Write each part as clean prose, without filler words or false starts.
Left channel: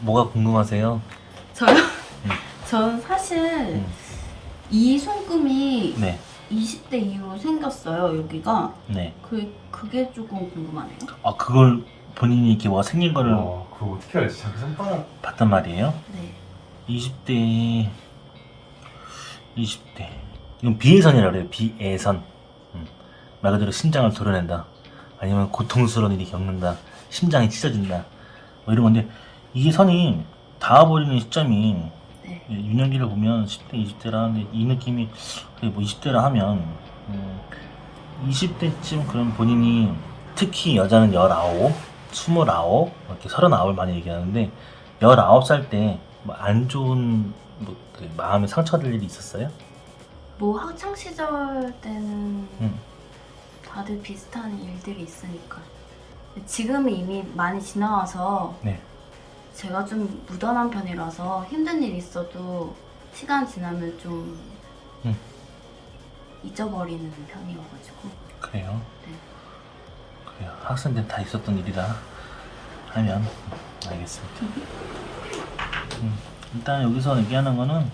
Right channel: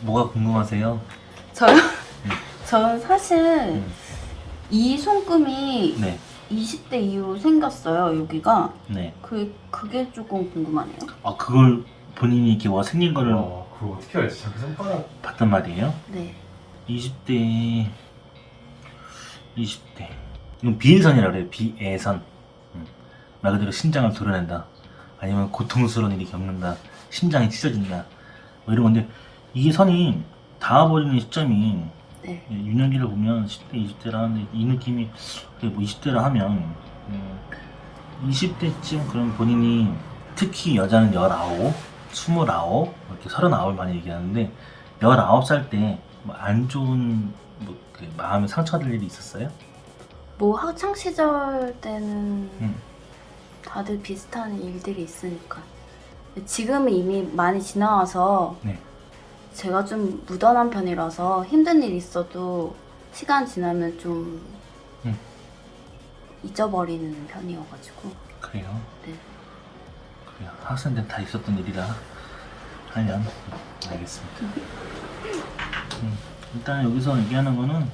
뭐가 궁금하세요? 저요? 저는 사실 이 손금이 네, 20대 이후로 생겼어요, 여기가. 네. 그게 조금 궁금하네요. 아, 그걸 본인이 이렇게 뭐 생긴 거를 그거 어떻게 알지? 자기 손가락. 봤단 말이에요? 네. 20대. 이건 비애선이라 그래요. 비애선. 말 그대로 심장을 도려낸다. 아니면 고통스러운 일이 겪는다. 심장이 찢어진다. 뭐 이런 건데, 이게 선이 닿아버리는 시점이 네. 윤영기를 보면 10대, 20대라 하는데 이 느낌이 뭐 20대라 하면 20대쯤 그런 본인이 특히 여자는 19, 29, 이렇게 39을 많이 얘기하는데 19살 때 뭐 안 좋은 그 마음에 상처될 일이 있었어요? 뭐 학창 시절 때는 음. 다들 비슷한 일들이 있으니까. 지금은 이미 많이 지나와서 네. 제가 좀 무던한 편이라서 힘든 일 있어도 시간 지나면 좀 음. 잊어버리는 편이어가지고. 그래요? 네. 그래요. 학생 때 다 있었던 일이라 하면 알겠습니다. 일단 여기서 얘기하는 거는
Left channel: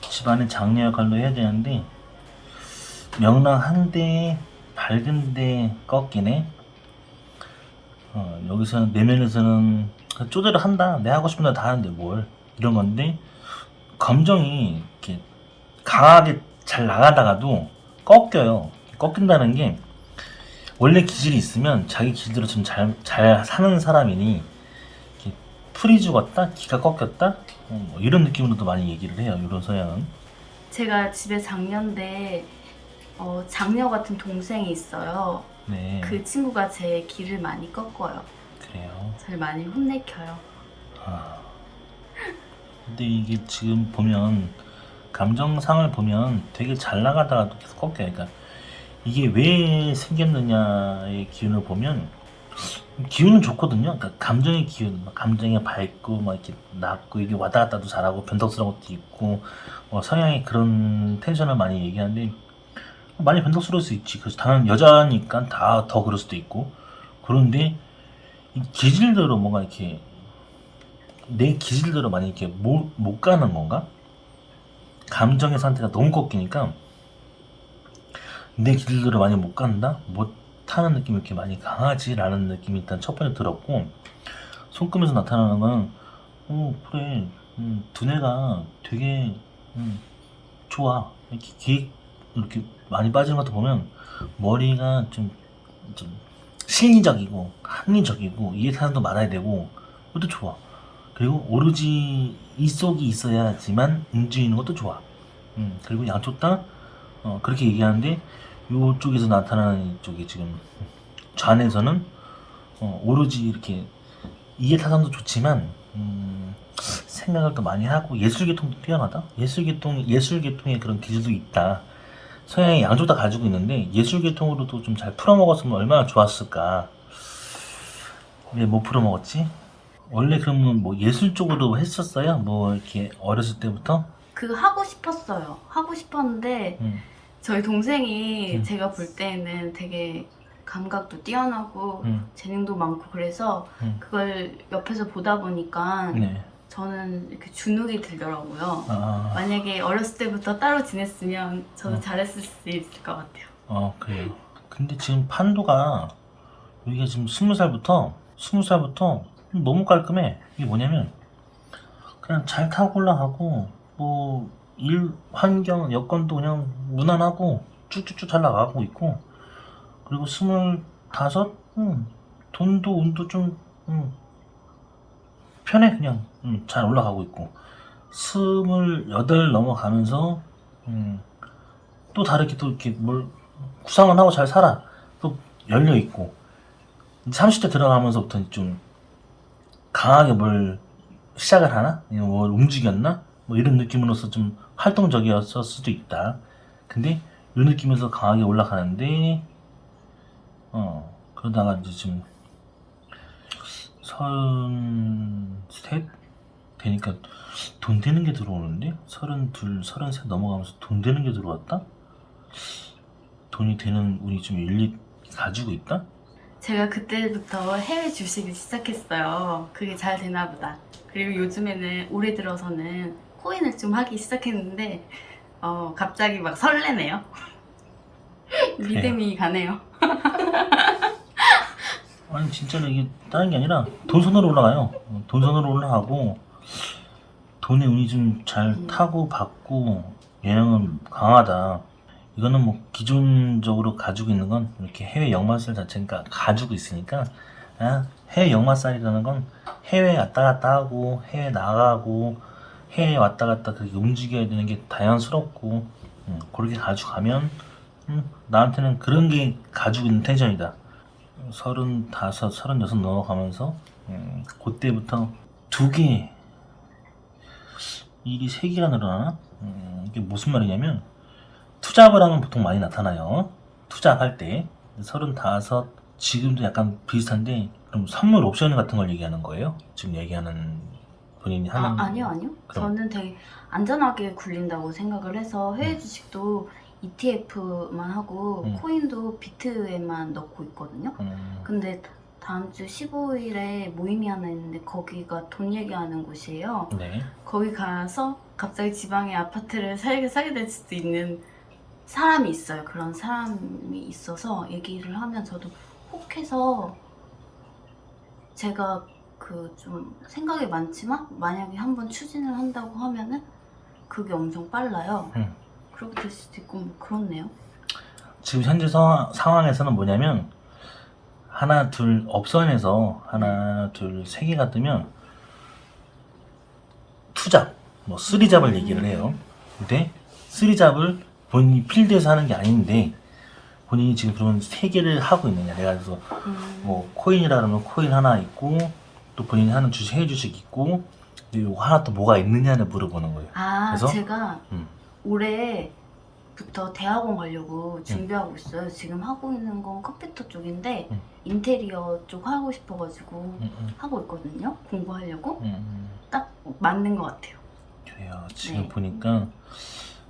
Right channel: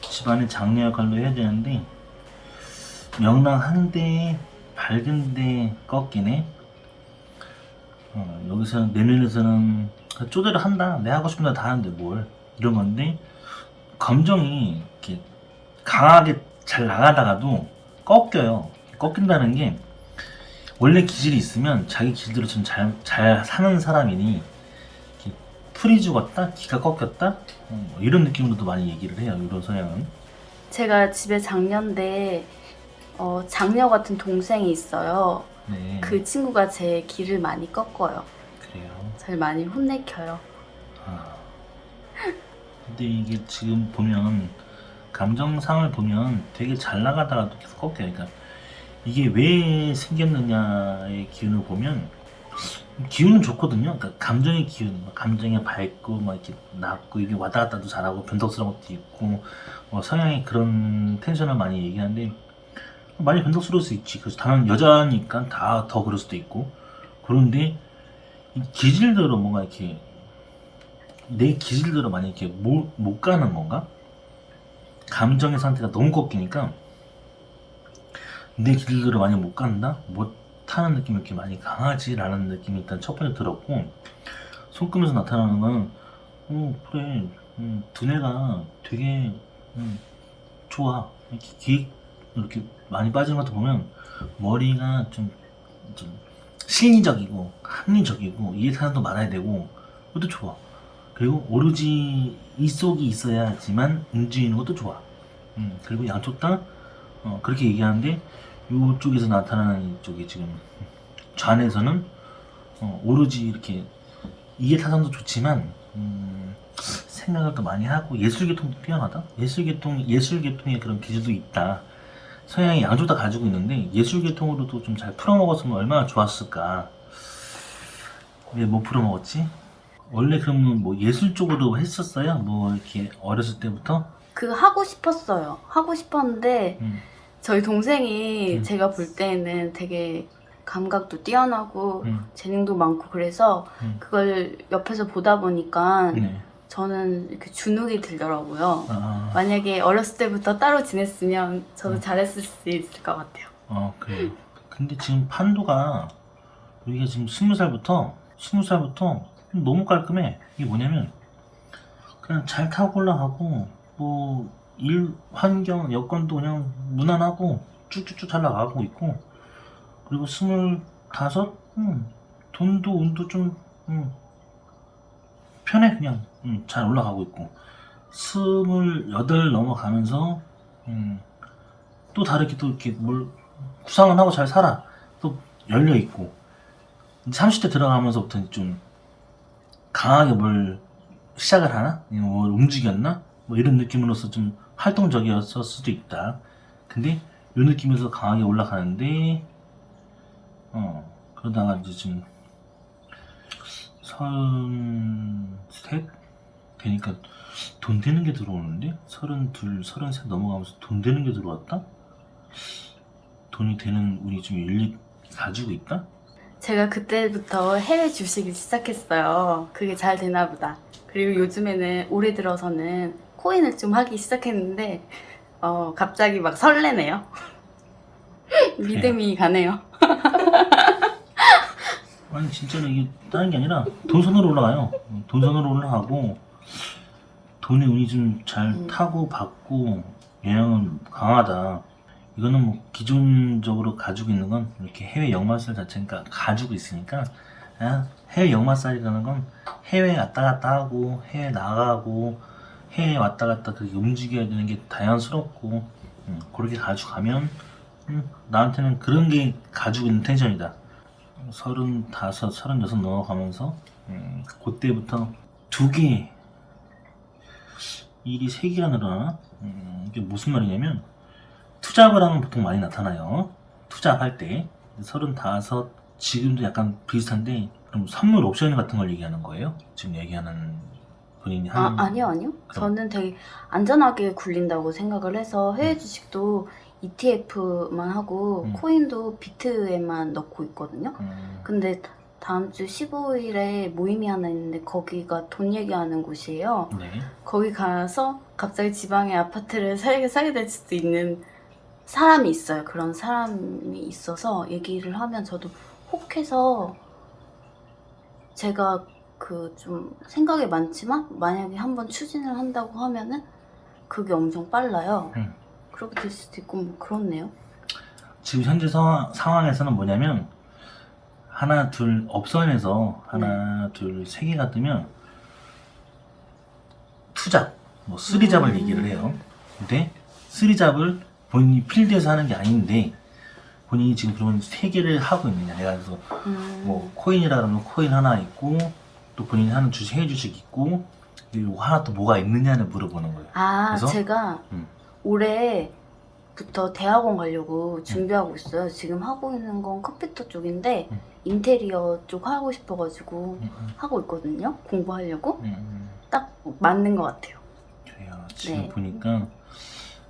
집안의 장녀 역할로 해야 되는데 명랑한데 밝은데 꺾이네. 여기서는 내면에서는 쪼대로 한다. 내 하고 싶은 거 다 하는데 뭘 이런 건데 감정이 이렇게 강하게 잘 나가다가도 꺾여요. 꺾인다는 게 원래 기질이 있으면 자기 기질대로 좀 잘 사는 사람이니 이렇게 풀이 죽었다, 기가 꺾였다 뭐 이런 느낌으로도 많이 얘기를 해요. 이런 성향은. 제가 집에 장녀인데 장녀 같은 동생이 있어요. 네. 그 친구가 제 길을 많이 꺾어요. 그래요. 절 많이 혼내켜요. 아. 근데 이게 지금 보면 감정상을 보면 되게 잘 나가다가도 계속 꺾여요. 그러니까 이게 왜 생겼느냐의 기운을 보면 기운은 좋거든요. 그러니까 감정의 기운, 감정이 밝고 막 이렇게 낮고 이게 왔다 갔다도 잘하고 변덕스러운 것도 있고 성향이 그런 텐션을 많이 얘기하는데 많이 변덕스러울 수 있지. 그래서 당연 여자니까 다 더 그럴 수도 있고 그런데 이 기질대로 뭔가 이렇게 내 기질대로 많이 이렇게 못 가는 건가? 감정의 상태가 너무 꺾이니까 내 기질대로 많이 못 간다? 못 타는 느낌이 이렇게 많이 강하지라는 느낌이 일단 첫 번째 들었고 손금에서 나타나는 건 그래 두뇌가 되게 좋아 이렇게 기획 이렇게 많이 빠지는 것도 보면 머리가 좀 실리적이고 합리적이고 이해사항도 많아야 되고 그것도 좋아. 그리고 오로지 이 속이 있어야지만 움직이는 것도 좋아. 그리고 양쪽 다 그렇게 얘기하는데 이쪽에서 나타나는 이쪽이 지금 좌뇌에서는 오로지 이렇게 이해타산도 좋지만 생각을 더 많이 하고 예술계통도 뛰어나다. 예술계통의 그런 기질도 있다. 성향이 양쪽 다 가지고 있는데 예술계통으로도 좀 잘 풀어먹었으면 얼마나 좋았을까. 근데 못 풀어먹었지? 원래 그러면 뭐 예술 쪽으로 했었어요? 뭐 이렇게 어렸을 때부터? 그거 하고 싶었어요. 하고 싶었는데 음, 저희 동생이 제가 볼 때는 되게 감각도 뛰어나고 재능도 많고 그래서 그걸 옆에서 보다 보니까 네. 저는 이렇게 주눅이 들더라고요. 아, 만약에 어렸을 때부터 따로 지냈으면 저도 잘했을 수 있을 것 같아요. 그래요. 근데 지금 판도가 여기가 지금 20살부터 너무 깔끔해. 이게 뭐냐면 그냥 잘 타고 올라가고 뭐 일 환경 여건도 그냥 무난하고 쭉쭉쭉 잘 나가고 있고 그리고 25, 돈도 운도 좀 편해 그냥 잘 올라가고 있고 28 넘어가면서 또 다르게 또 이렇게 뭘 구상을 하고 잘 살아. 또 열려 있고 30대 들어가면서부터 좀 강하게 뭘 시작을 하나? 아니면 뭘 움직였나? 뭐 이런 느낌으로서 좀 활동적이었을 수도 있다. 근데 이 느낌에서 강하게 올라가는데 그러다가 이제 지금 33 되니까 돈 되는 게 들어오는데 32, 33 넘어가면서 돈 되는 게 들어왔다? 돈이 되는 운이 좀 일리 가지고 있다? 제가 그때부터 해외 주식을 시작했어요. 그게 잘 되나 보다. 그리고 요즘에는 올해 들어서는 코인을 좀 하기 시작했는데 갑자기 막 설레네요. 믿음이 가네요. 아니 진짜로 이게 다른 게 아니라 돈선으로 올라가요. 돈선으로 올라가고 돈의 운이 좀 잘 타고 받고 영향은 강하다. 이거는 뭐 기존적으로 가지고 있는 건 이렇게 해외 역마살 자체가 가지고 있으니까 해외 역마살이라는 건 해외 왔다 갔다 하고 해외 나가고 해외 왔다 갔다 그렇게 움직여야 되는 게 자연스럽고 그렇게 가져가면 나한테는 그런 게 가지고 있는 텐션이다. 35, 36 넘어가면서 그때부터 두 개 일이 세 개가 늘어나. 이게 무슨 말이냐면 투잡을 하면 보통 많이 나타나요. 투잡할 때 35 지금도 약간 비슷한데 그럼 선물 옵션 같은 걸 얘기하는 거예요? 지금 얘기하는 본인이 하는 아니요. 그럼. 저는 되게 안전하게 굴린다고 생각을 해서 해외 주식도 ETF만 하고 코인도 비트에만 넣고 있거든요. 근데 다음 주 15일에 모임이 하나 있는데 거기가 돈 얘기하는 곳이에요. 네. 거기 가서 갑자기 지방에 아파트를 사게 될 수도 있는 사람이 있어요. 그런 사람이 있어서 얘기를 하면 저도 혹해서 제가 그 좀 생각이 많지만 만약에 한번 추진을 한다고 하면은 그게 엄청 빨라요. 그렇게 될 수도 있고 뭐 그렇네요. 지금 현재 상황에서는 뭐냐면 하나 둘 업선에서 하나 둘 세 개가 뜨면 투잡 뭐 쓰리잡을 얘기를 해요. 근데 쓰리잡을 본인이 필드에서 하는 게 아닌데 본인이 지금 그러면 세 개를 하고 있느냐. 내가 그래서 뭐 코인이라 그러면 코인 하나 있고 또 본인이 하는 주식 해외 주식 있고 그리고 하나 또 뭐가 있느냐를 물어보는 거예요. 그래서 제가 올해부터 대학원 가려고 준비하고 있어요. 지금 하고 있는 건 컴퓨터 쪽인데 인테리어 쪽 하고 싶어가지고 하고 있거든요. 공부하려고. 딱 맞는 것 같아요. 그래요. 지금 네. 보니까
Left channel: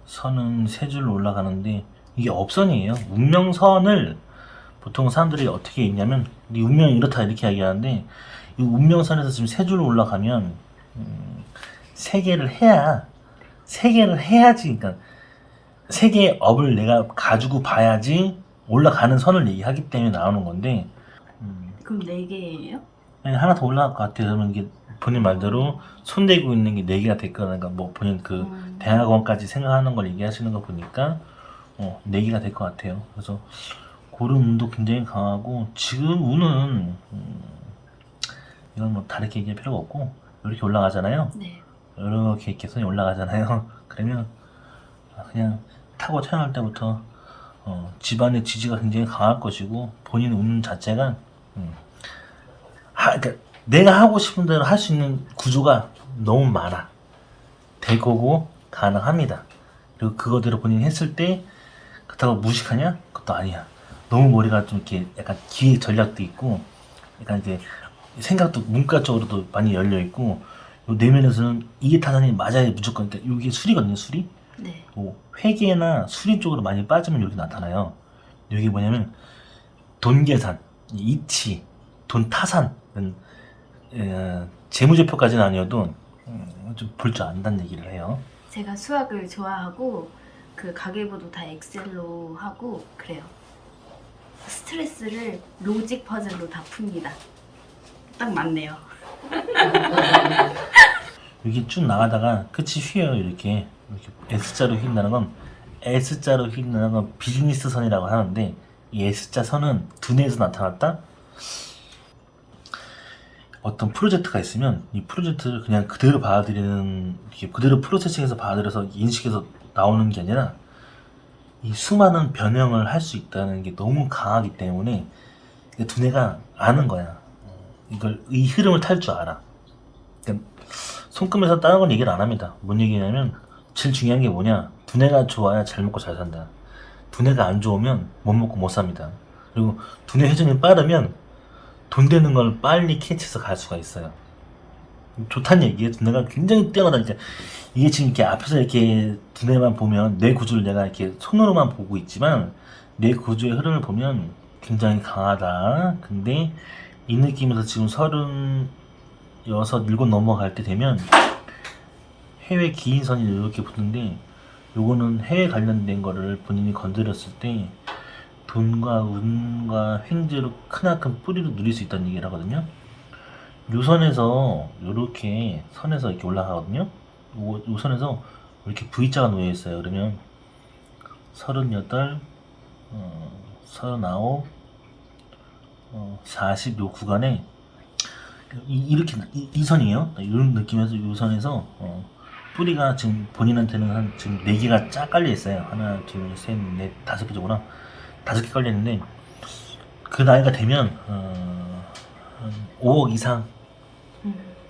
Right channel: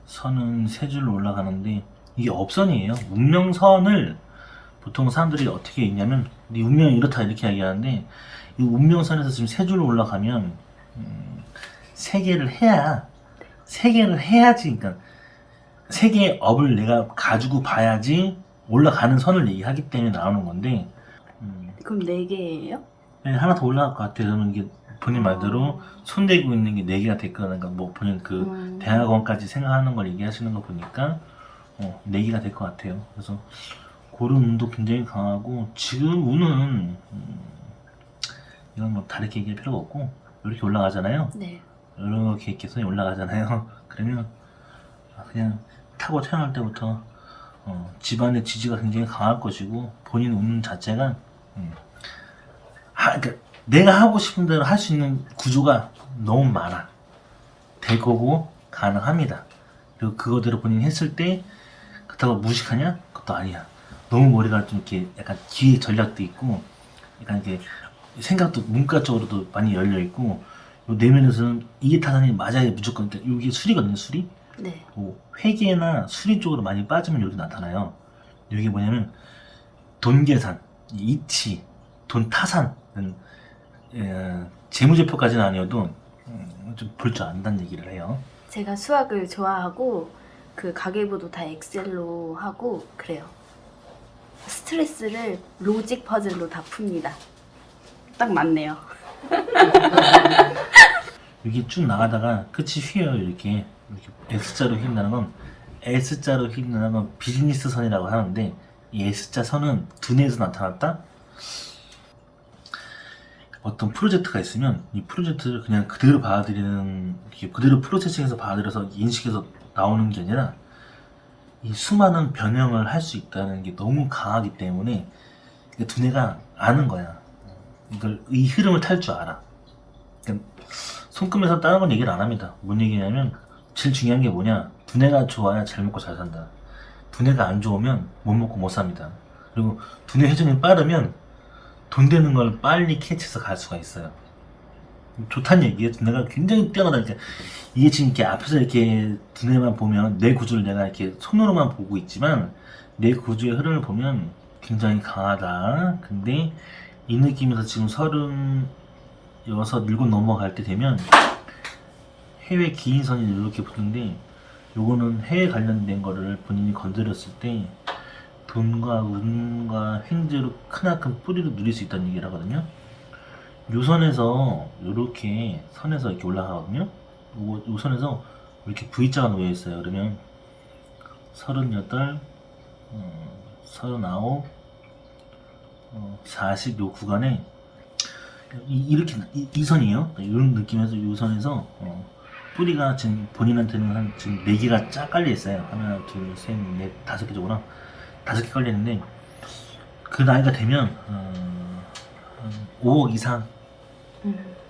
선은 세 줄로 올라가는데 이게 업선이에요. 운명선을 보통 사람들이 어떻게 읽냐면 네 운명이 이렇다 이렇게 얘기하는데 이 운명선에서 지금 세 줄로 올라가면 세 개를 해야지. 그러니까 세 개의 업을 내가 가지고 봐야지 올라가는 선을 얘기하기 때문에 나오는 건데 그럼 4개예요? 네, 하나 더 올라갈 것 같아요. 저는 이게 본인 말대로 손대고 있는 게 4개가 됐거나 그러니까 뭐 본인 그 대학원까지 생각하는 걸 얘기하시는 거 보니까 4개가 될 것 같아요. 그래서 그런 운도 굉장히 강하고 지금 운은 이건 뭐 다르게 얘기할 필요가 없고 이렇게 올라가잖아요. 네. 이렇게 개선이 올라가잖아요. 그러면 그냥 타고 태어날 때부터 집안의 지지가 굉장히 강할 것이고 본인 운 자체가 그러니까 내가 하고 싶은 대로 할 수 있는 구조가 너무 많아. 될 거고 가능합니다. 그리고 그거대로 본인이 했을 때 그렇다고 무식하냐? 그것도 아니야. 너무 머리가 좀 이렇게 약간 기획 전략도 있고 약간 이게 생각도 문과적으로도 많이 열려 있고 요 내면에서는 이게 타산이 맞아야 무조건 그러니까 이게 수리거든요. 수리. 네. 뭐 회계나 수리 쪽으로 많이 빠지면 여기 나타나요. 여기 뭐냐면 돈 계산, 이치, 돈 타산, 재무제표까지는 아니어도 좀 볼 줄 안다는 얘기를 해요. 제가 수학을 좋아하고 그 가계부도 다 엑셀로 하고 그래요. 스트레스를 로직 퍼즐로 다 풉니다. 딱 맞네요. 여기 쭉 나가다가 끝이 휘어요. 이렇게 S자로 휜다는 건 S자로 휜다는 건 비즈니스 선이라고 하는데 이 S자 선은 두뇌에서 나타났다. 어떤 프로젝트가 있으면 이 프로젝트를 그냥 그대로 받아들이는 그대로 프로세싱해서 받아들여서 인식해서 나오는 게 아니라 이 수많은 변형을 할 수 있다는 게 너무 강하기 때문에 두뇌가 아는 거야. 이 흐름을 탈 줄 알아. 그러니까 손금에서 다른 건 얘기를 안 합니다. 뭔 얘기냐면 제일 중요한 게 뭐냐? 두뇌가 좋아야 잘 먹고 잘 산다. 두뇌가 안 좋으면 못 먹고 못 삽니다. 그리고 두뇌 회전이 빠르면 돈 되는 걸 빨리 캐치해서 갈 수가 있어요. 좋다는 얘기예요. 두뇌가 굉장히 뛰어나다니까. 이게 지금 이렇게 앞에서 이렇게 두뇌만 보면 뇌 구조를 내가 이렇게 손으로만 보고 있지만 뇌 구조의 흐름을 보면 굉장히 강하다. 근데 이 느낌에서 지금 36, 7 넘어갈 때 되면 해외 기인선이 이렇게 붙는데 요거는 해외 관련된 거를 본인이 건드렸을 때 돈과 운과 횡재로 크나큰 뿌리로 누릴 수 있다는 얘기를 하거든요. 요 선에서 요렇게 선에서 이렇게 올라가거든요. 요 선에서 이렇게 V자가 놓여 있어요. 그러면 38, 39, 40 요 구간에 이렇게 이 선이에요. 이런 느낌에서 이 선에서 뿌리가 지금 본인한테는 한 지금 4개가 쫙 깔려 있어요. 하나, 둘, 셋, 넷, 5개 정도나 5개 깔려 있는데 그 나이가 되면 한 5억 이상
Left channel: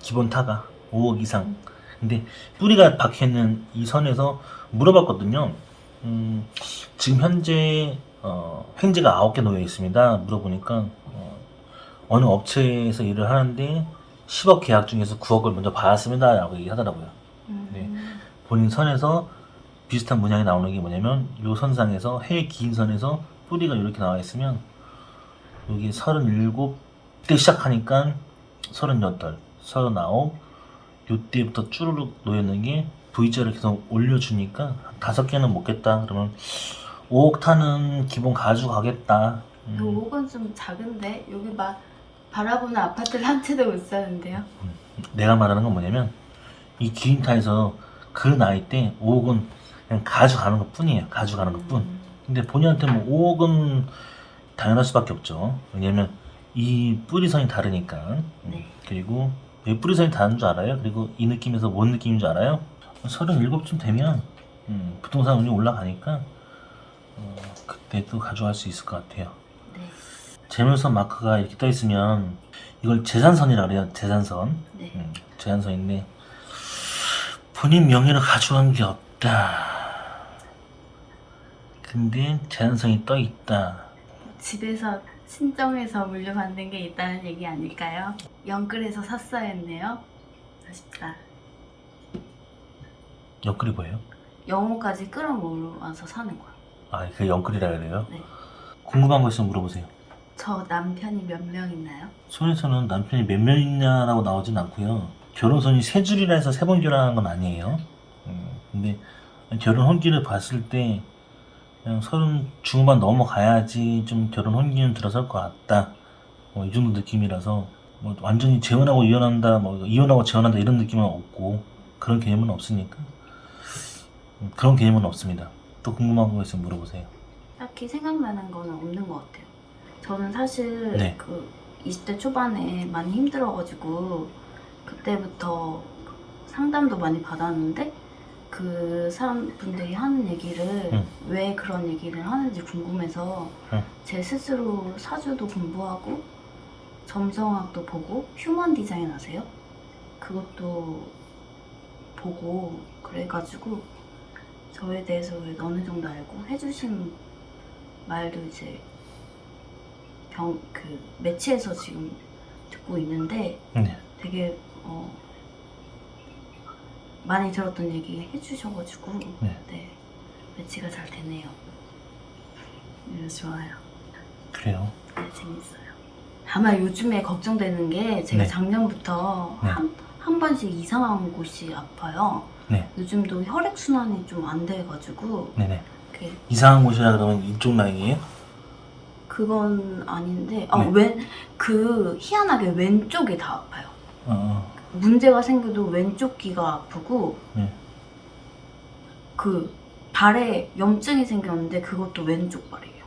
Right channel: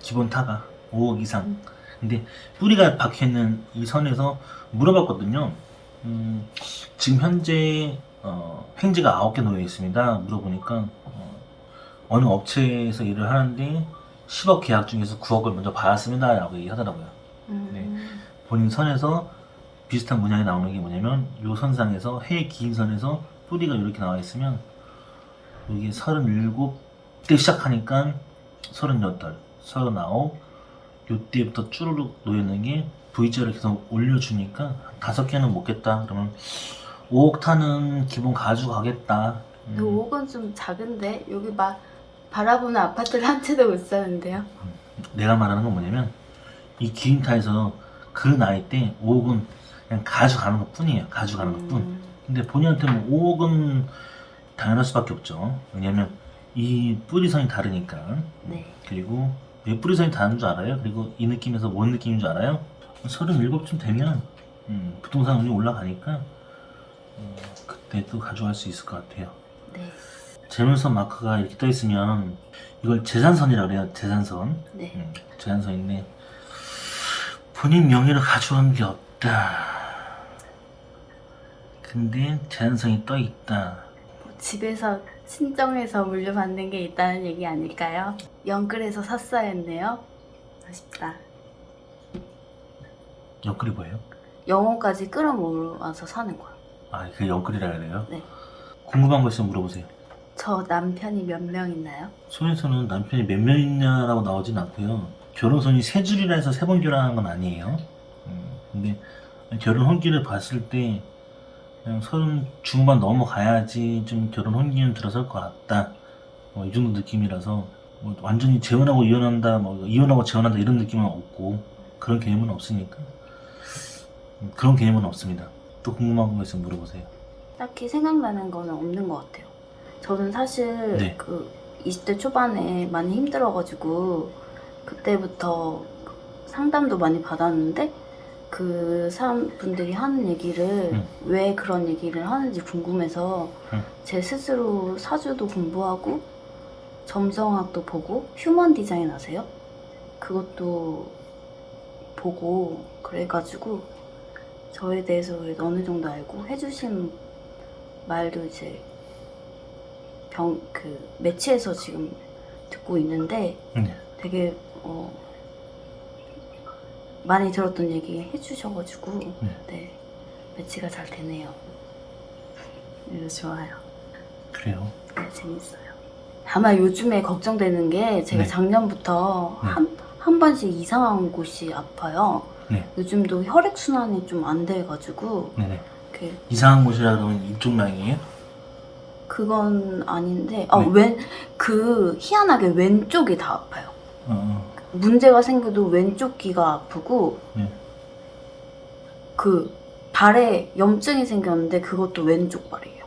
기본 타가 5억 이상. 근데 뿌리가 박혀 있는 이 선에서 물어봤거든요. 지금 현재 횡재가 9개 놓여 있습니다. 물어보니까 어느 업체에서 일을 하는데 10억 계약 중에서 9억을 먼저 받았습니다 라고 얘기하더라고요. 네. 본인 선에서 비슷한 문양이 나오는 게 뭐냐면 요 선상에서 해외 기인선에서 뿌리가 이렇게 나와 있으면 여기 37대 시작하니까 38, 39 요때부터 쭈루룩 놓여있는 게 V자를 계속 올려주니까 5개는 먹겠다 그러면 5억 타는 기본 가져가겠다. 5억은 좀 작은데 여기 막 바라보는 아파트를 한 채도 못 사는데요. 내가 말하는 건 뭐냐면 이 기인타에서 그 나이 때 5억은 그냥 가져가는 것 뿐이에요. 가져가는 것 뿐. 근데 본인한테 뭐 5억은 당연할 수밖에 없죠. 왜냐면 이 뿌리선이 다르니까. 네. 그리고 왜 뿌리선이 다른 줄 알아요? 그리고 이 느낌에서 뭔 느낌인 줄 알아요? 37쯤 되면 부동산 운이 올라가니까 그때 또 가져갈 수 있을 것 같아요. 네. 재물선 마크가 이렇게 떠 있으면 이걸 재산선이라고 그래요. 재산선. 네. 재산선인데 본인 명의를 가져간 게 없다. 근데 재산선이 떠 있다. 집에서 친정에서 물려받는 게 있다는 얘기 아닐까요? 영끌에서 샀어야 했네요. 아쉽다. 영끌이 뭐예요? 영혼까지 끌어모아서 사는 거야. 아, 그게 영끌이라 해야 돼요? 네. 궁금한 거 있으면 물어보세요. 저 남편이 몇 명 있나요? 손에서는 남편이 몇 명 있냐라고 나오진 않고요. 결혼선이 3줄이라 해서 3번 결혼하는 건 아니에요. 근데 결혼 혼기를 봤을 때 그냥 30 중후반 넘어가야지 좀 결혼 혼기는 들어설 것 같다. 이 정도 느낌이라서 뭐 완전히 재혼하고 이혼한다, 뭐 이혼하고 재혼한다 이런 느낌은 없고 그런 개념은 없으니까 그런 개념은 없습니다. 또 궁금한 거 있으면 물어보세요. 딱히 생각나는 거는 없는 것 같아요. 저는 사실 네. 그 20대 초반에 많이 힘들어가지고 그때부터 상담도 많이 받았는데 그 사람분들이 하는 얘기를 왜 그런 얘기를 하는지 궁금해서 제 스스로 사주도 공부하고 점성학도 보고 휴먼 디자인 아세요? 그것도 보고 그래가지고 저에 대해서 어느 정도 알고 해주신 말도 이제 매체에서 지금 듣고 있는데 네. 되게 많이 들었던 얘기 해주셔가지고 네. 네, 매치가 잘 되네요. 네, 좋아요. 그래요. 네, 재밌어요. 다만 요즘에 걱정되는 게 제가 네. 작년부터 네. 한 번씩 이상한 곳이 아파요. 네. 요즘도 혈액순환이 좀 안 돼가지고 네네. 이렇게 이상한 곳이라 그러면 이쪽 라인이에요? 그건 아닌데 네. 희한하게 왼쪽이 다 아파요. 어. 문제가 생겨도 왼쪽 귀가 아프고 네. 그 발에 염증이 생겼는데 그것도 왼쪽 발이에요.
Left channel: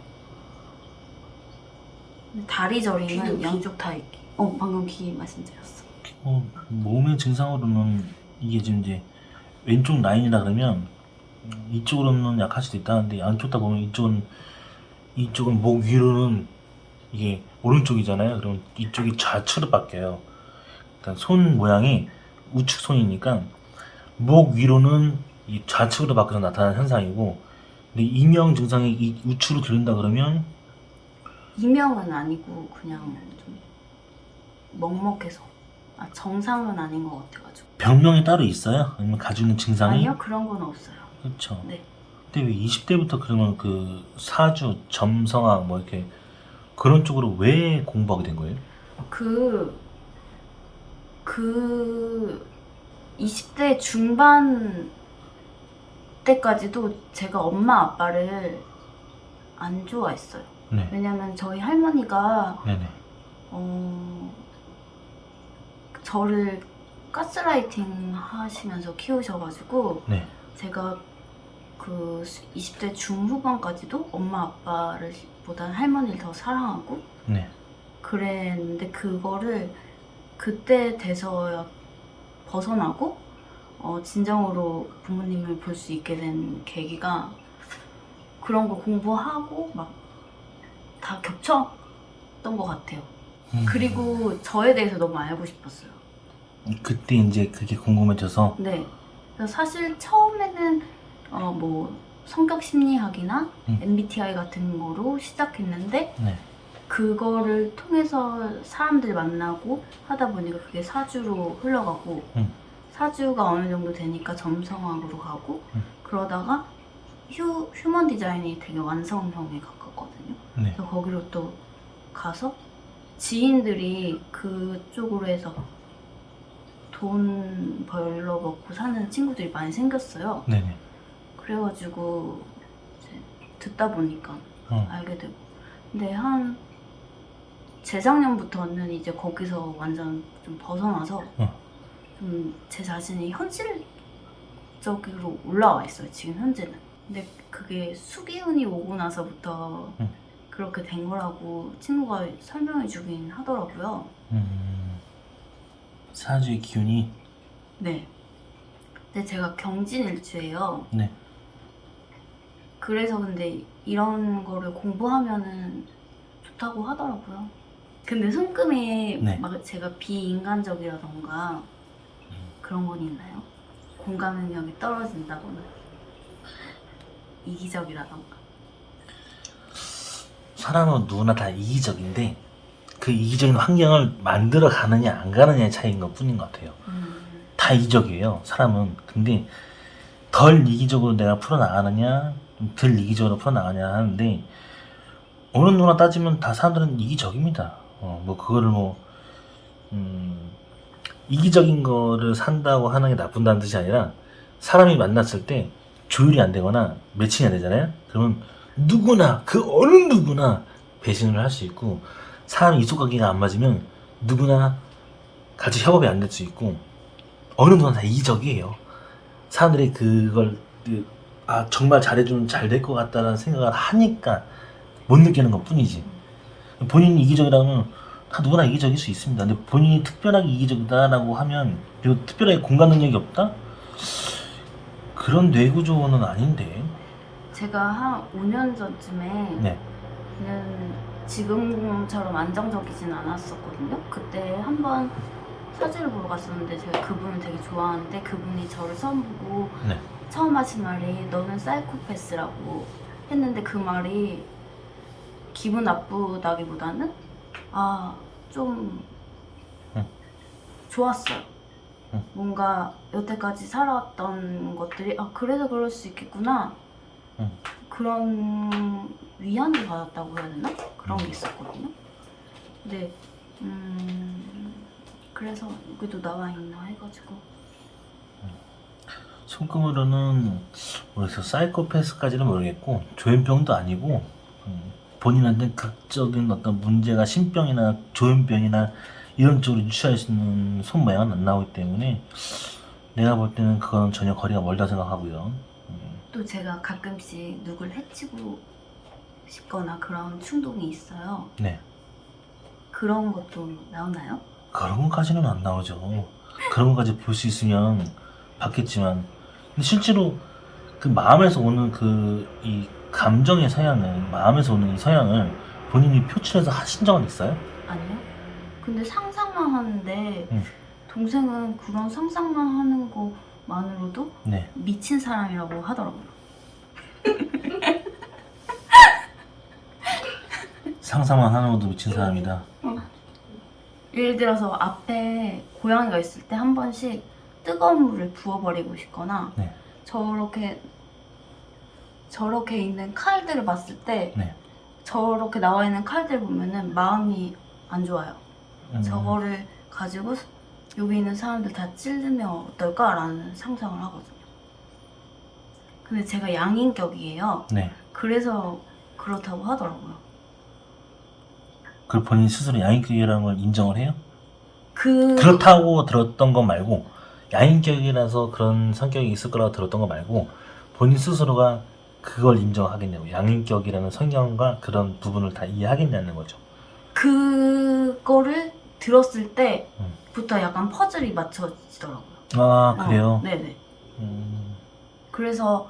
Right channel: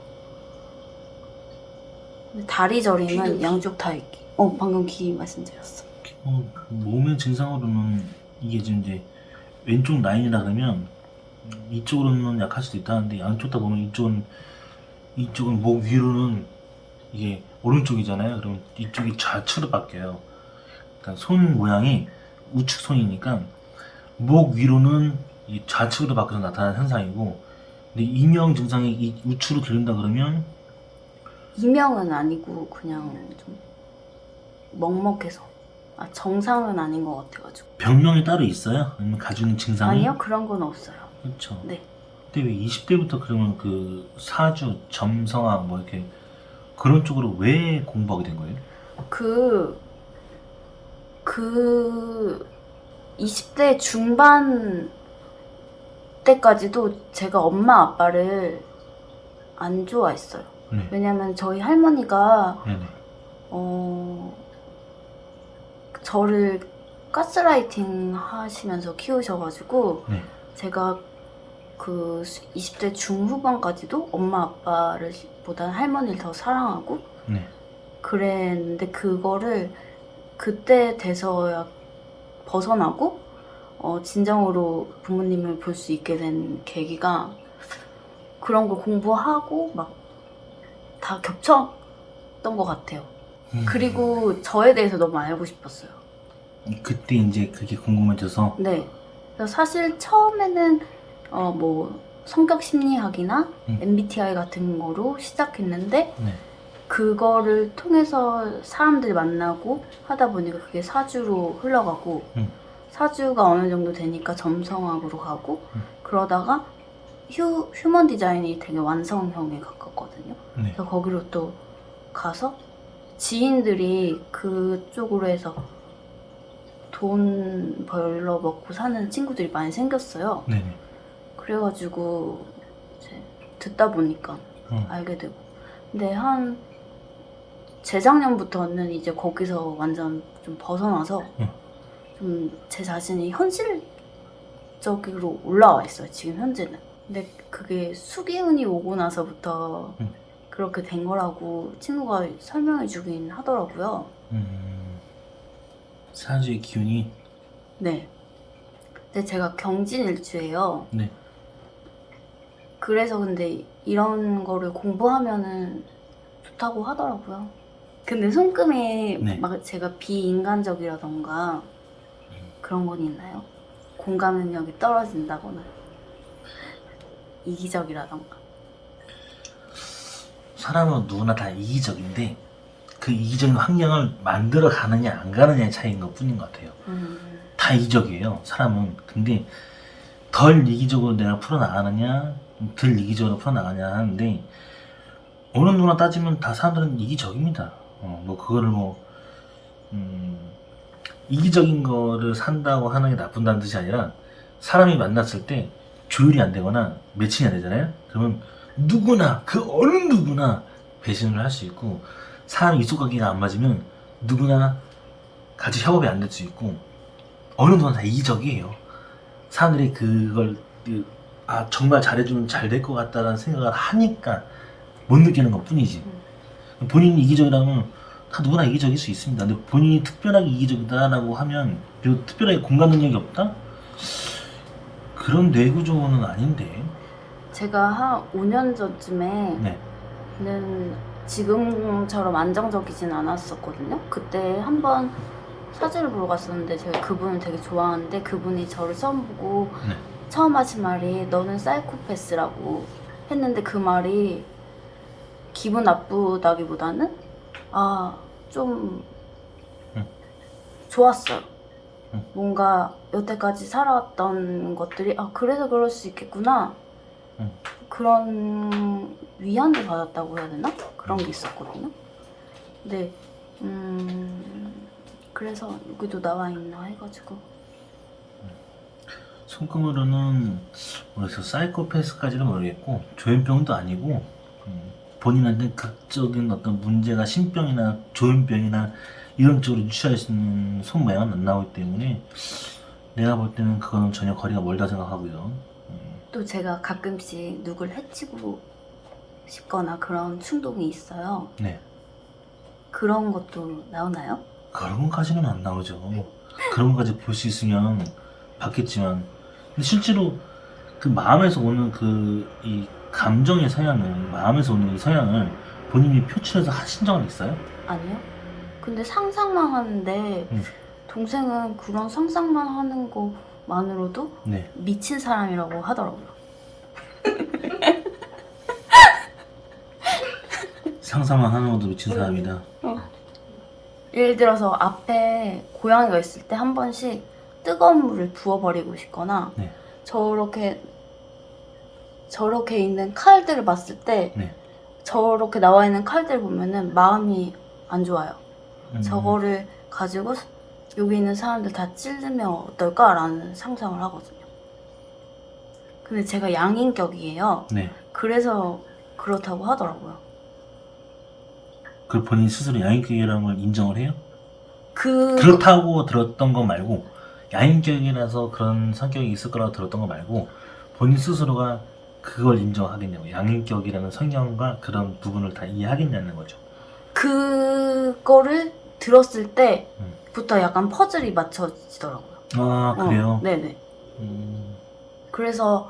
근데 다리 저리는 양쪽 다 있기. 방금 귀 말씀드렸어. 몸의 증상으로는 이게 지금 이제 왼쪽 라인이라 그러면 이쪽으로는 약할 수도 있다는데 양쪽 다 보면 이쪽은 목 위로는 이게 오른쪽이잖아요. 그러면 이쪽이 좌측으로 바뀌어요. 그러니까 손 모양이 우측 손이니까 목 위로는 이 좌측으로 바뀌어서 나타나는 현상이고, 근데 이명 증상이 이 우측으로 들린다 그러면 이명은 아니고 그냥 좀 먹먹해서 정상은 아닌 것 같아가지고. 병명이 따로 있어요? 아니면 가지고 있는 증상이? 아니요, 그런 건 없어요. 그렇죠. 네. 근데 왜 20대부터 그러면 그 사주, 점성학 뭐 이렇게 그런 쪽으로 왜 공부하게 된 거예요? 그 20대 중반 때까지도 제가 엄마 아빠를 안 좋아했어요. 네. 왜냐면 저희 할머니가 네네. 저를 가스라이팅 하시면서 키우셔가지고 네. 제가 그 20대 중후반까지도 엄마 아빠를 보다는 할머니를 더 사랑하고 네. 그랬는데 그거를 그때 돼서야 벗어나고 진정으로 부모님을 볼 수 있게 된 계기가 그런 걸 공부하고 막 다 겹쳤던 것 같아요. 그리고 저에 대해서 너무 알고 싶었어요. 그때 이제 그게 궁금해져서. 네. 그래서 사실 처음에는 뭐 성격 심리학이나 MBTI 같은 거로 시작했는데 네. 그거를 통해서 사람들 만나고 하다 보니까 그게 사주로 흘러가고 사주가 어느 정도 되니까 점성학으로 가고 그러다가 휴먼 디자인이 되게 완성형에 가깝거든요. 네. 그래서 거기로 또 가서 지인들이 그쪽으로 해서 돈 벌러 먹고 사는 친구들이 많이 생겼어요. 네네. 그래가지고 이제 듣다 보니까 알게 되고. 근데 한 재작년부터는 이제 거기서 완전 좀 벗어나서 좀 제 자신이 현실적으로 올라와 있어요. 지금 현재는. 근데 그게 수기운이 오고 나서부터 그렇게 된 거라고 친구가 설명해 주긴 하더라고요. 사주의 기운이. 네. 근데 제가 경진일주예요. 네. 그래서 근데 이런 거를 공부하면은 좋다고 하더라고요. 근데 손금이 네. 막 제가 비인간적이라던가 그런 건 있나요? 공감 능력이 떨어진다거나 이기적이라던가. 사람은 누구나 다 이기적인데 그 이기적인 환경을 만들어 가느냐 안 가느냐의 차이인 것 뿐인 것 같아요. 다 이기적이에요, 사람은. 근데 덜 이기적으로 내가 풀어나가느냐 덜 이기적으로 풀어나가느냐 하는데 어느 누구나 따지면 다 사람들은 이기적입니다. 뭐 그거를 이기적인 거를 산다고 하는 게 나쁜다는 뜻이 아니라 사람이 만났을 때 조율이 안 되거나 매칭이 안 되잖아요. 그러면 누구나 그 어느 누구나 배신을 할 수 있고 사람 이속관계가 안 맞으면 누구나 같이 협업이 안 될 수 있고 어느 누구나 다 이기적이에요. 사람들이 그걸 정말 잘해주면 잘 될 것 같다는 생각을 하니까 못 느끼는 것 뿐이지. 본인이 이기적이라면 다 누구나 이기적일 수 있습니다. 근데 본인이 특별하게 이기적이다라고 하면 그리고 특별하게 공감 능력이 없다? 그런 뇌구조는 아닌데. 제가 한 5년 전쯤에 네. 는 지금처럼 안정적이진 않았었거든요. 그때 한번 사주를 보러 갔었는데 제가 그분을 되게 좋아하는데 그분이 저를 처음 보고 네. 처음 하신 말이 너는 사이코패스라고 했는데 그 말이 기분 나쁘다기보다는 좀 좋았어요. 뭔가 여태까지 살아왔던 것들이 그래서 그럴 수 있겠구나 그런 위안을 받았다고 해야 되나? 그런 게 있었거든요. 근데 그래서 여기도 나와 있나 해가지고 손금으로는 모르겠어요. 사이코패스까지는 모르겠고 조현병도 아니고 본인한테 극적인 어떤 문제가 신병이나 조현병이나 이런 쪽으로 취할 수 있는 손 모양은 안 나오기 때문에 내가 볼 때는 그건 전혀 거리가 멀다 생각하고요. 또 제가 가끔씩 누굴 해치고 싶거나 그런 충동이 있어요. 네. 그런 것도 나오나요? 그런 것까지는 안 나오죠. 그런 것까지 볼 수 있으면 봤겠지만 근데 실제로 그 마음에서 오는 이 감정의 서양을 마음에서 오는 이 서양을 본인이 표출해서 하신 적은 있어요? 아니요. 근데 상상만 하는데 동생은 그런 상상만 하는 것만으로도 네. 미친 사람이라고 하더라고요. 상상만 하는 것도 미친 사람이다. 예를 들어서 앞에 고양이가 있을 때 한 번씩 뜨거운 물을 부어버리고 싶거나 네. 저렇게 있는 칼들을 봤을 때 네. 저렇게 나와 있는 칼들 보면은 마음이 안 좋아요. 저거를 가지고 여기 있는 사람들 다 찌르면 어떨까라는 상상을 하거든요. 근데 제가 양인격이에요. 네. 그래서 그렇다고 하더라고요. 그 본인 스스로 양인격이라는 걸 인정을 해요? 그 그렇다고 들었던 거 말고 양인격이라서 그런 성격이 있을 거라고 들었던 거 말고 본인 스스로가 그걸 인정하겠냐고, 양인격이라는 성향과 그런 부분을 다 이해하겠냐는 거죠. 그거를 들었을 때부터 약간 퍼즐이 맞춰지더라고요. 아 그래요? 네네. 음, 그래서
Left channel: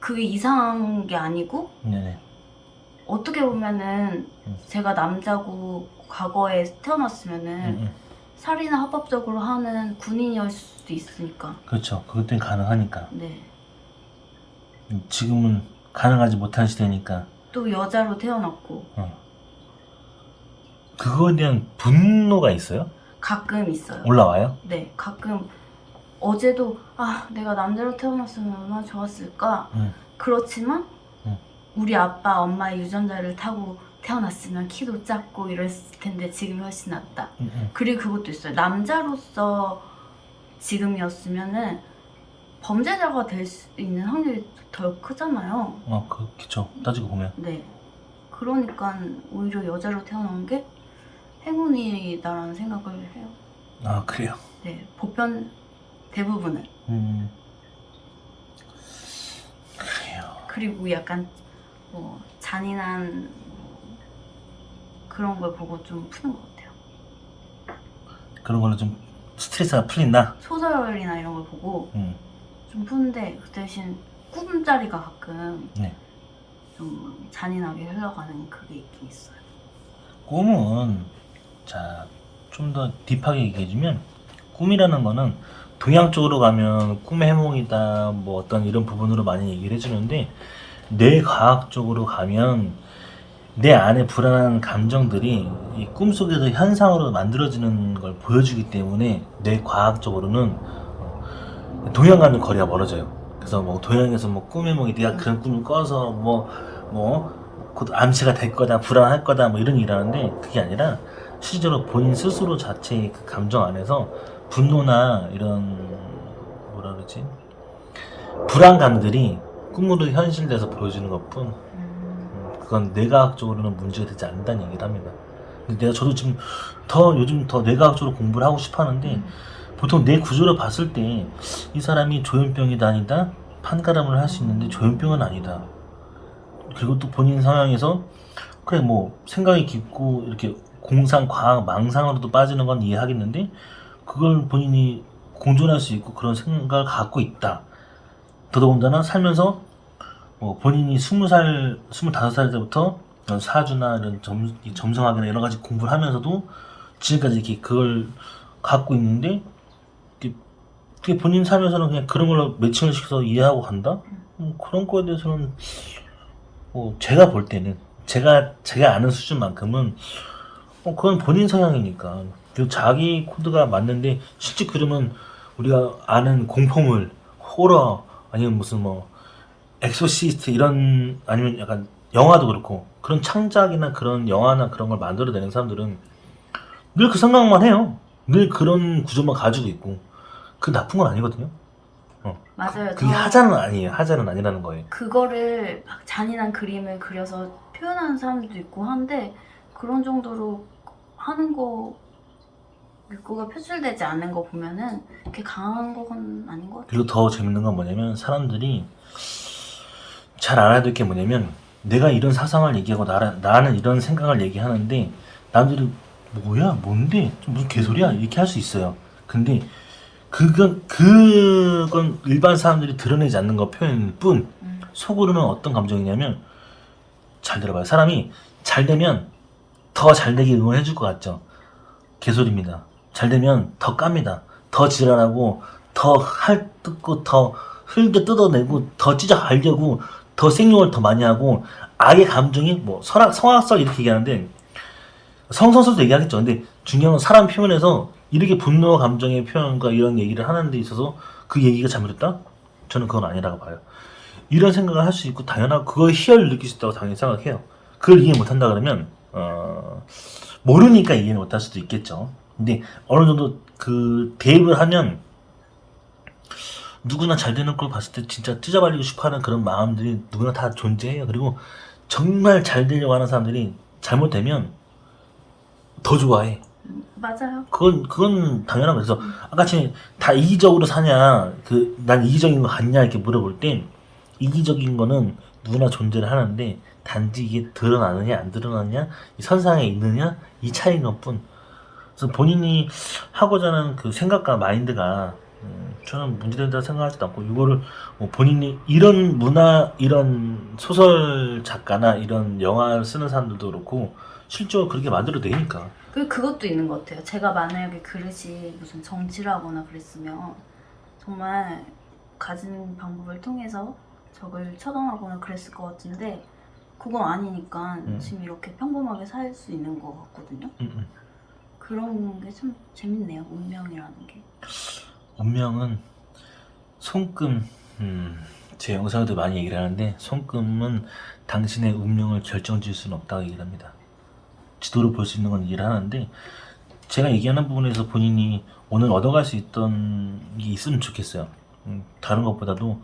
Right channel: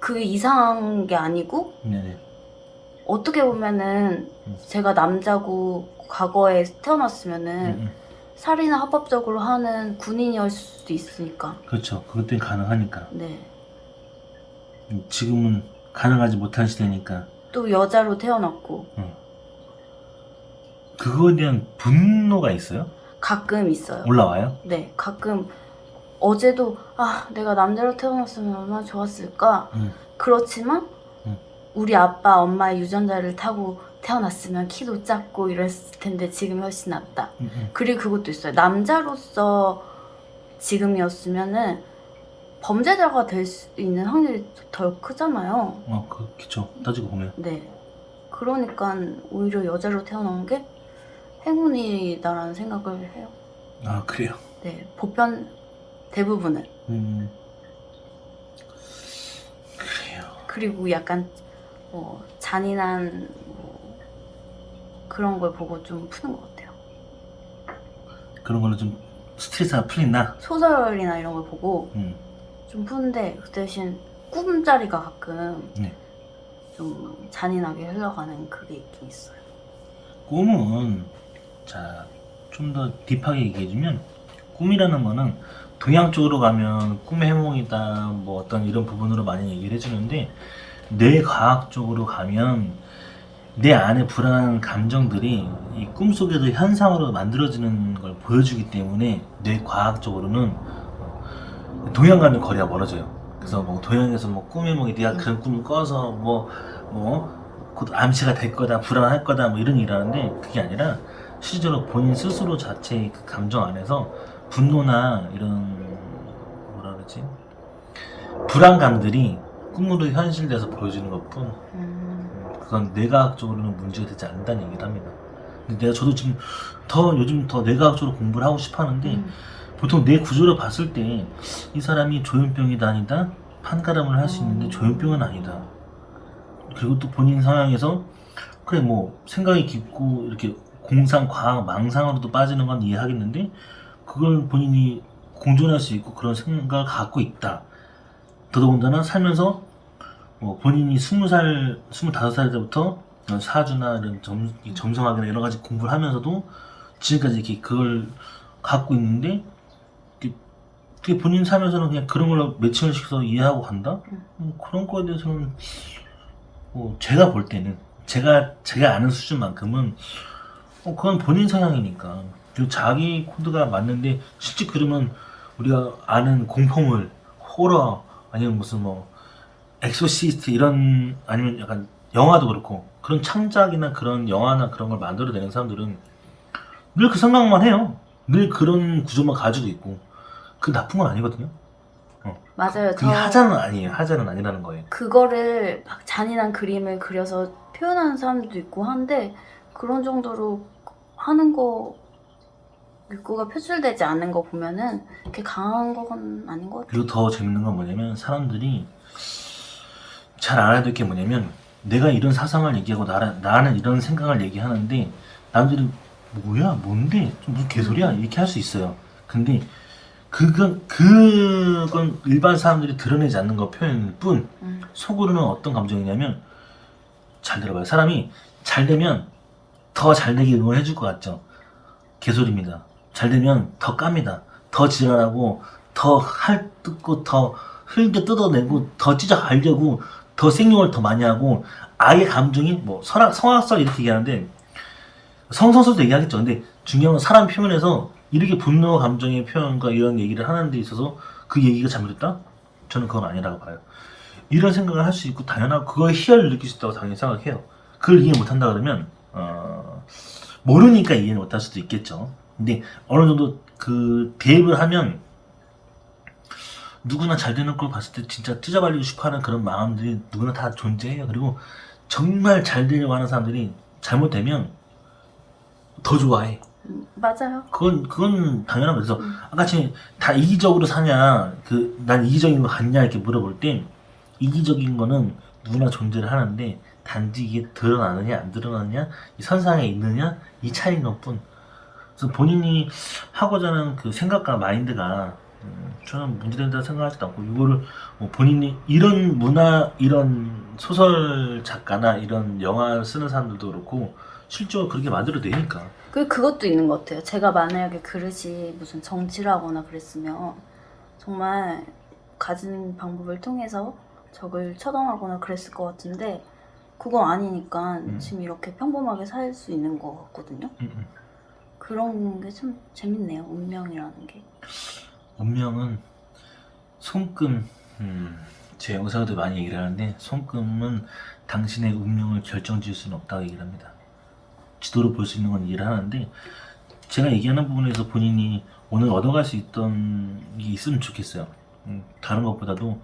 그게 이상한 게 아니고 네네. 어떻게 보면은 제가 남자고 과거에 태어났으면은 음. 살인을 합법적으로 하는 군인이었을 수도 있으니까. 그렇죠. 그것 때문에 가능하니까. 네. 지금은 가능하지 못한 시대니까 또 여자로 태어났고 그거에 대한 분노가 있어요? 가끔 있어요. 올라와요? 네, 가끔 어제도 내가 남자로 태어났으면 얼마나 좋았을까. 그렇지만 우리 아빠 엄마의 유전자를 타고 태어났으면 키도 작고 이랬을 텐데 지금이 훨씬 낫다. 그리고 그것도 있어요. 남자로서 지금이었으면은 범죄자가 될 수 있는 확률이 덜 크잖아요. 그렇죠. 따지고 보면. 네. 그러니까 오히려 여자로 태어난 게 행운이다라는 생각을 해요. 아 그래요? 네. 보편 대부분은. 그래요. 그리고 약간 잔인한 그런 걸 보고 좀 푸는 것 같아요. 그런 걸로 좀 스트레스가 풀린다? 소설이나 이런 걸 보고 좀 푸는데 그 대신 꿈자리가 가끔 네. 좀 잔인하게 흘러가는 그게 있긴 있어요. 꿈은 좀 더 딥하게 얘기해주면 꿈이라는 거는 동양 쪽으로 가면 꿈의 해몽이다 뭐 어떤 이런 부분으로 많이 얘기를 해주는데 뇌과학 쪽으로 가면 내 안에 불안한 감정들이 이 꿈속에서 현상으로 만들어지는 걸 보여주기 때문에 뇌과학적으로는 동양 가면 거리가 멀어져요. 그래서 뭐 동양에서 뭐 꿈의 해몽이 네가 그런 꿈을 꿔서 곧 암시가 될 거다, 불안할 거다 뭐 이런 일하는데 그게 아니라 실제로 본인 스스로 자체의 그 감정 안에서 분노나 이런 뭐라 그러지? 불안감들이 꿈으로 현실돼서 보여지는 것뿐 그건 뇌과학적으로는 문제가 되지 않는다는 얘기를 합니다. 근데 저도 지금 요즘 더 뇌과학적으로 공부를 하고 싶어 하는데 보통 뇌 구조를 봤을 때 이 사람이 조현병이다 아니다 판가름을 할 수 있는데 조현병은 아니다. 그리고 또 본인 상황에서 그래 뭐 생각이 깊고 이렇게 공상, 과학, 망상으로도 빠지는 건 이해하겠는데 그걸 본인이 공존할 수 있고 그런 생각을 갖고 있다. 더더군다나 살면서 본인이 20살, 25살 때부터 사주나 이런 점성학이나 여러 가지 공부를 하면서도 지금까지 이렇게 그걸 갖고 있는데 그게 본인 삶에서는 그냥 그런 걸로 매칭을 시켜서 이해하고 간다? 그런 거에 대해서는 제가 볼 때는 제가 아는 수준만큼은 그건 본인 성향이니까 자기 코드가 맞는데 실제 그러면 우리가 아는 공포물, 호러 아니면 무슨 엑소시스트 이런 아니면 약간 영화도 그렇고 그런 창작이나 그런 영화나 그런 걸 만들어내는 사람들은 늘 그 생각만 해요. 늘 그런 구조만 가지고 있고 그 나쁜 건 아니거든요. 맞아요. 그게 하자는 아니에요. 하자는 아니라는 거예요. 그거를 막 잔인한 그림을 그려서 표현하는 사람들도 있고 한데 그런 정도로 하는 거 욕구가 표출되지 않는 거 보면은 그렇게 강한 건 아닌 것 같아요. 그리고 더 재밌는 건 뭐냐면 사람들이 잘 알아야 될 게 뭐냐면 내가 이런 사상을 얘기하고 나는 이런 생각을 얘기하는데 남들이 뭐야 뭔데 좀 무슨 개소리야 이렇게 할 수 있어요. 근데 그건 일반 사람들이 드러내지 않는 거 표현일 뿐 속으로는 어떤 감정이냐면 잘 들어봐요. 사람이 잘 되면 더 잘 되게 응원해 줄 것 같죠. 개소리입니다. 잘 되면 더 깝니다. 더 지랄하고 더 핥고 더 흘겨 뜯어내고 더 찢어가려고 더 생용을 더 많이 하고 아예 감정이 성악설 이렇게 얘기하는데 성선설도 얘기하겠죠. 근데 중요한 건 사람 표현에서 이렇게 분노 감정의 표현과 이런 얘기를 하는 데 있어서 그 얘기가 잘못됐다? 저는 그건 아니라고 봐요. 이런 생각을 할 수 있고 당연하고 그거에 희열을 느낄 수 있다고 당연히 생각해요. 그걸 이해 못한다 그러면 모르니까 이해 못할 수도 있겠죠. 근데 어느 정도 그 대입을 하면 누구나 잘 되는 걸 봤을 때 진짜 찢어버리고 싶어하는 그런 마음들이 누구나 다 존재해요. 그리고 정말 잘 되려고 하는 사람들이 잘못되면 더 좋아해. 맞아요. 그건 당연한 거죠. 아까 지금 다 이기적으로 사냐, 난 이기적인 거 같냐 이렇게 물어볼 때 이기적인 거는 누구나 존재를 하는데 단지 이게 드러나느냐 안 드러나느냐, 이 선상에 있느냐 이 차이인 것뿐. 그래서 본인이 하고자 하는 그 생각과 마인드가 저는 문제된다고 생각하지도 않고, 이거를 뭐 본인이 이런 문화, 이런 소설 작가나 이런 영화를 쓰는 사람들도 그렇고 실제로 그렇게 만들어 내니까. 그것도 있는 것 같아요. 제가 만약에 그릇이 무슨 정치를 하거나 그랬으면 정말 가진 방법을 통해서 적을 처단하거나 그랬을 것 같은데 그건 아니니까 지금 이렇게 평범하게 살 수 있는 것 같거든요. 그런 게 좀 재밌네요. 운명이라는 게. 운명은 손금, 제 영상에도 많이 얘기를 하는데 손금은 당신의 운명을 결정지을 수는 없다고 얘기를 합니다. 지도를 볼 수 있는 건 이해를 하는데 제가 얘기하는 부분에서 본인이 오늘 얻어갈 수 있던 게 있으면 좋겠어요. 다른 것보다도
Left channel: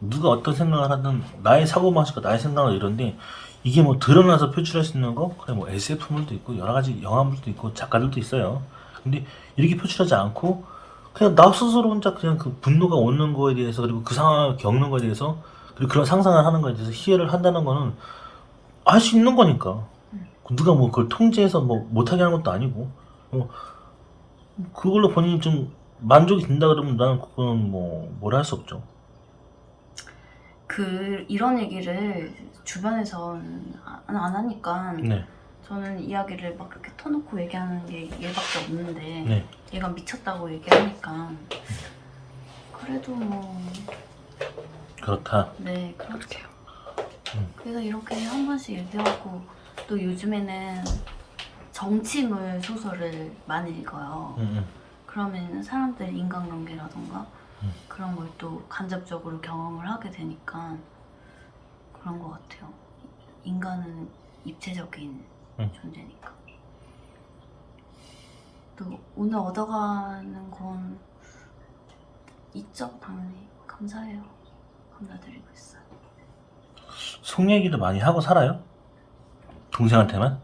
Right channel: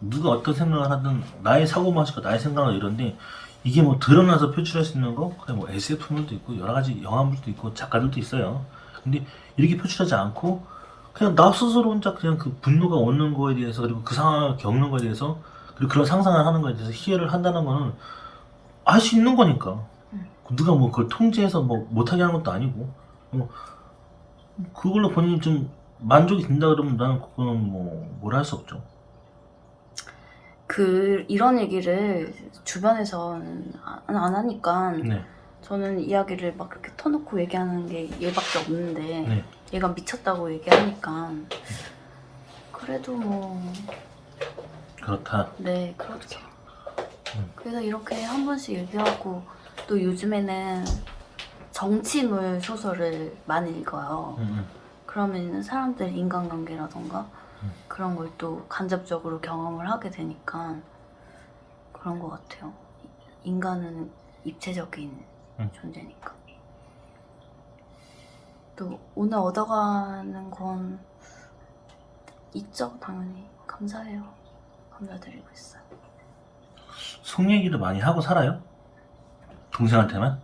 누가 어떤 생각을 하든 나의 사고방식과 나의 생각을 이런데 이게 뭐 드러나서 표출할 수 있는 거, 그래 뭐 SF물도 있고 여러 가지 영화물도 있고 작가들도 있어요. 근데 이렇게 표출하지 않고 그냥 나 스스로 혼자 그냥 그 분노가 오는 거에 대해서, 그리고 그 상황을 겪는 거에 대해서, 그리고 그런 상상을 하는 거에 대해서 희열을 한다는 거는 할 수 있는 거니까. 누가 뭐 그걸 통제해서 뭐 못하게 하는 것도 아니고, 그걸로 본인이 좀 만족이 된다 그러면 나는 그거는 뭐 뭐라 할 수 없죠. 이런 얘기를 주변에서는 안 하니까 네. 저는 이야기를 막 그렇게 터놓고 얘기하는 게 얘밖에 없는데 네. 얘가 미쳤다고 얘기하니까 그래도 뭐 그렇다. 네 그렇게요. 그래서 이렇게 한 번씩 얘기하고, 또 요즘에는 정치물 소설을 많이 읽어요. 그러면 사람들 인간관계라던가 그런 걸 또 간접적으로 경험을 하게 되니까 그런 것 같아요. 인간은 입체적인 존재니까. 또 오늘 얻어가는 건 있죠, 당연히. 감사해요. 감사드리고 있어요. 속 얘기도 많이 하고 살아요? 동생한테만?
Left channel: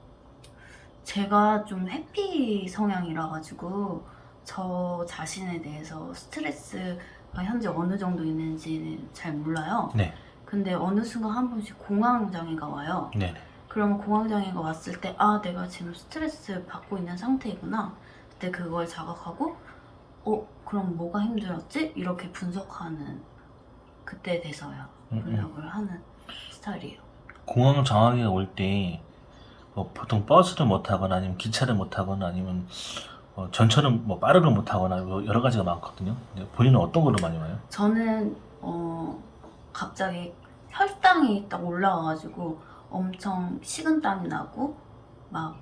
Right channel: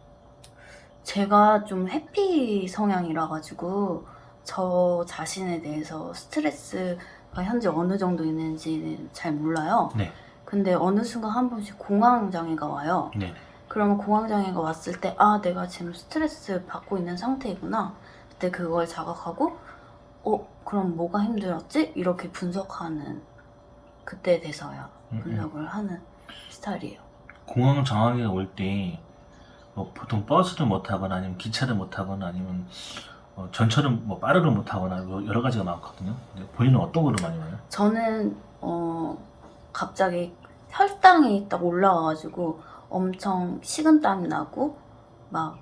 제가 좀 해피 성향이라 가지고 저 자신에 대해서 스트레스가 현재 어느 정도 있는지 잘 몰라요. 네. 근데 어느 순간 한 번씩 공황장애가 와요. 네. 그러면 공황장애가 왔을 때 내가 지금 스트레스 받고 있는 상태이구나. 그때 그걸 자각하고 그럼 뭐가 힘들었지? 이렇게 분석하는, 그때 돼서야 분석을 하는 스타일이에요. 공황 장애가 올 때 뭐 보통 버스를 못 타거나 아니면 기차를 못 타거나 아니면 전철을 뭐 빠르게 못 타거나 뭐 여러 가지가 많거든요. 근데 본인은 어떤 걸로 많이 와요? 저는 갑자기 혈당이 딱 올라와가지고 엄청 식은땀이 나고 막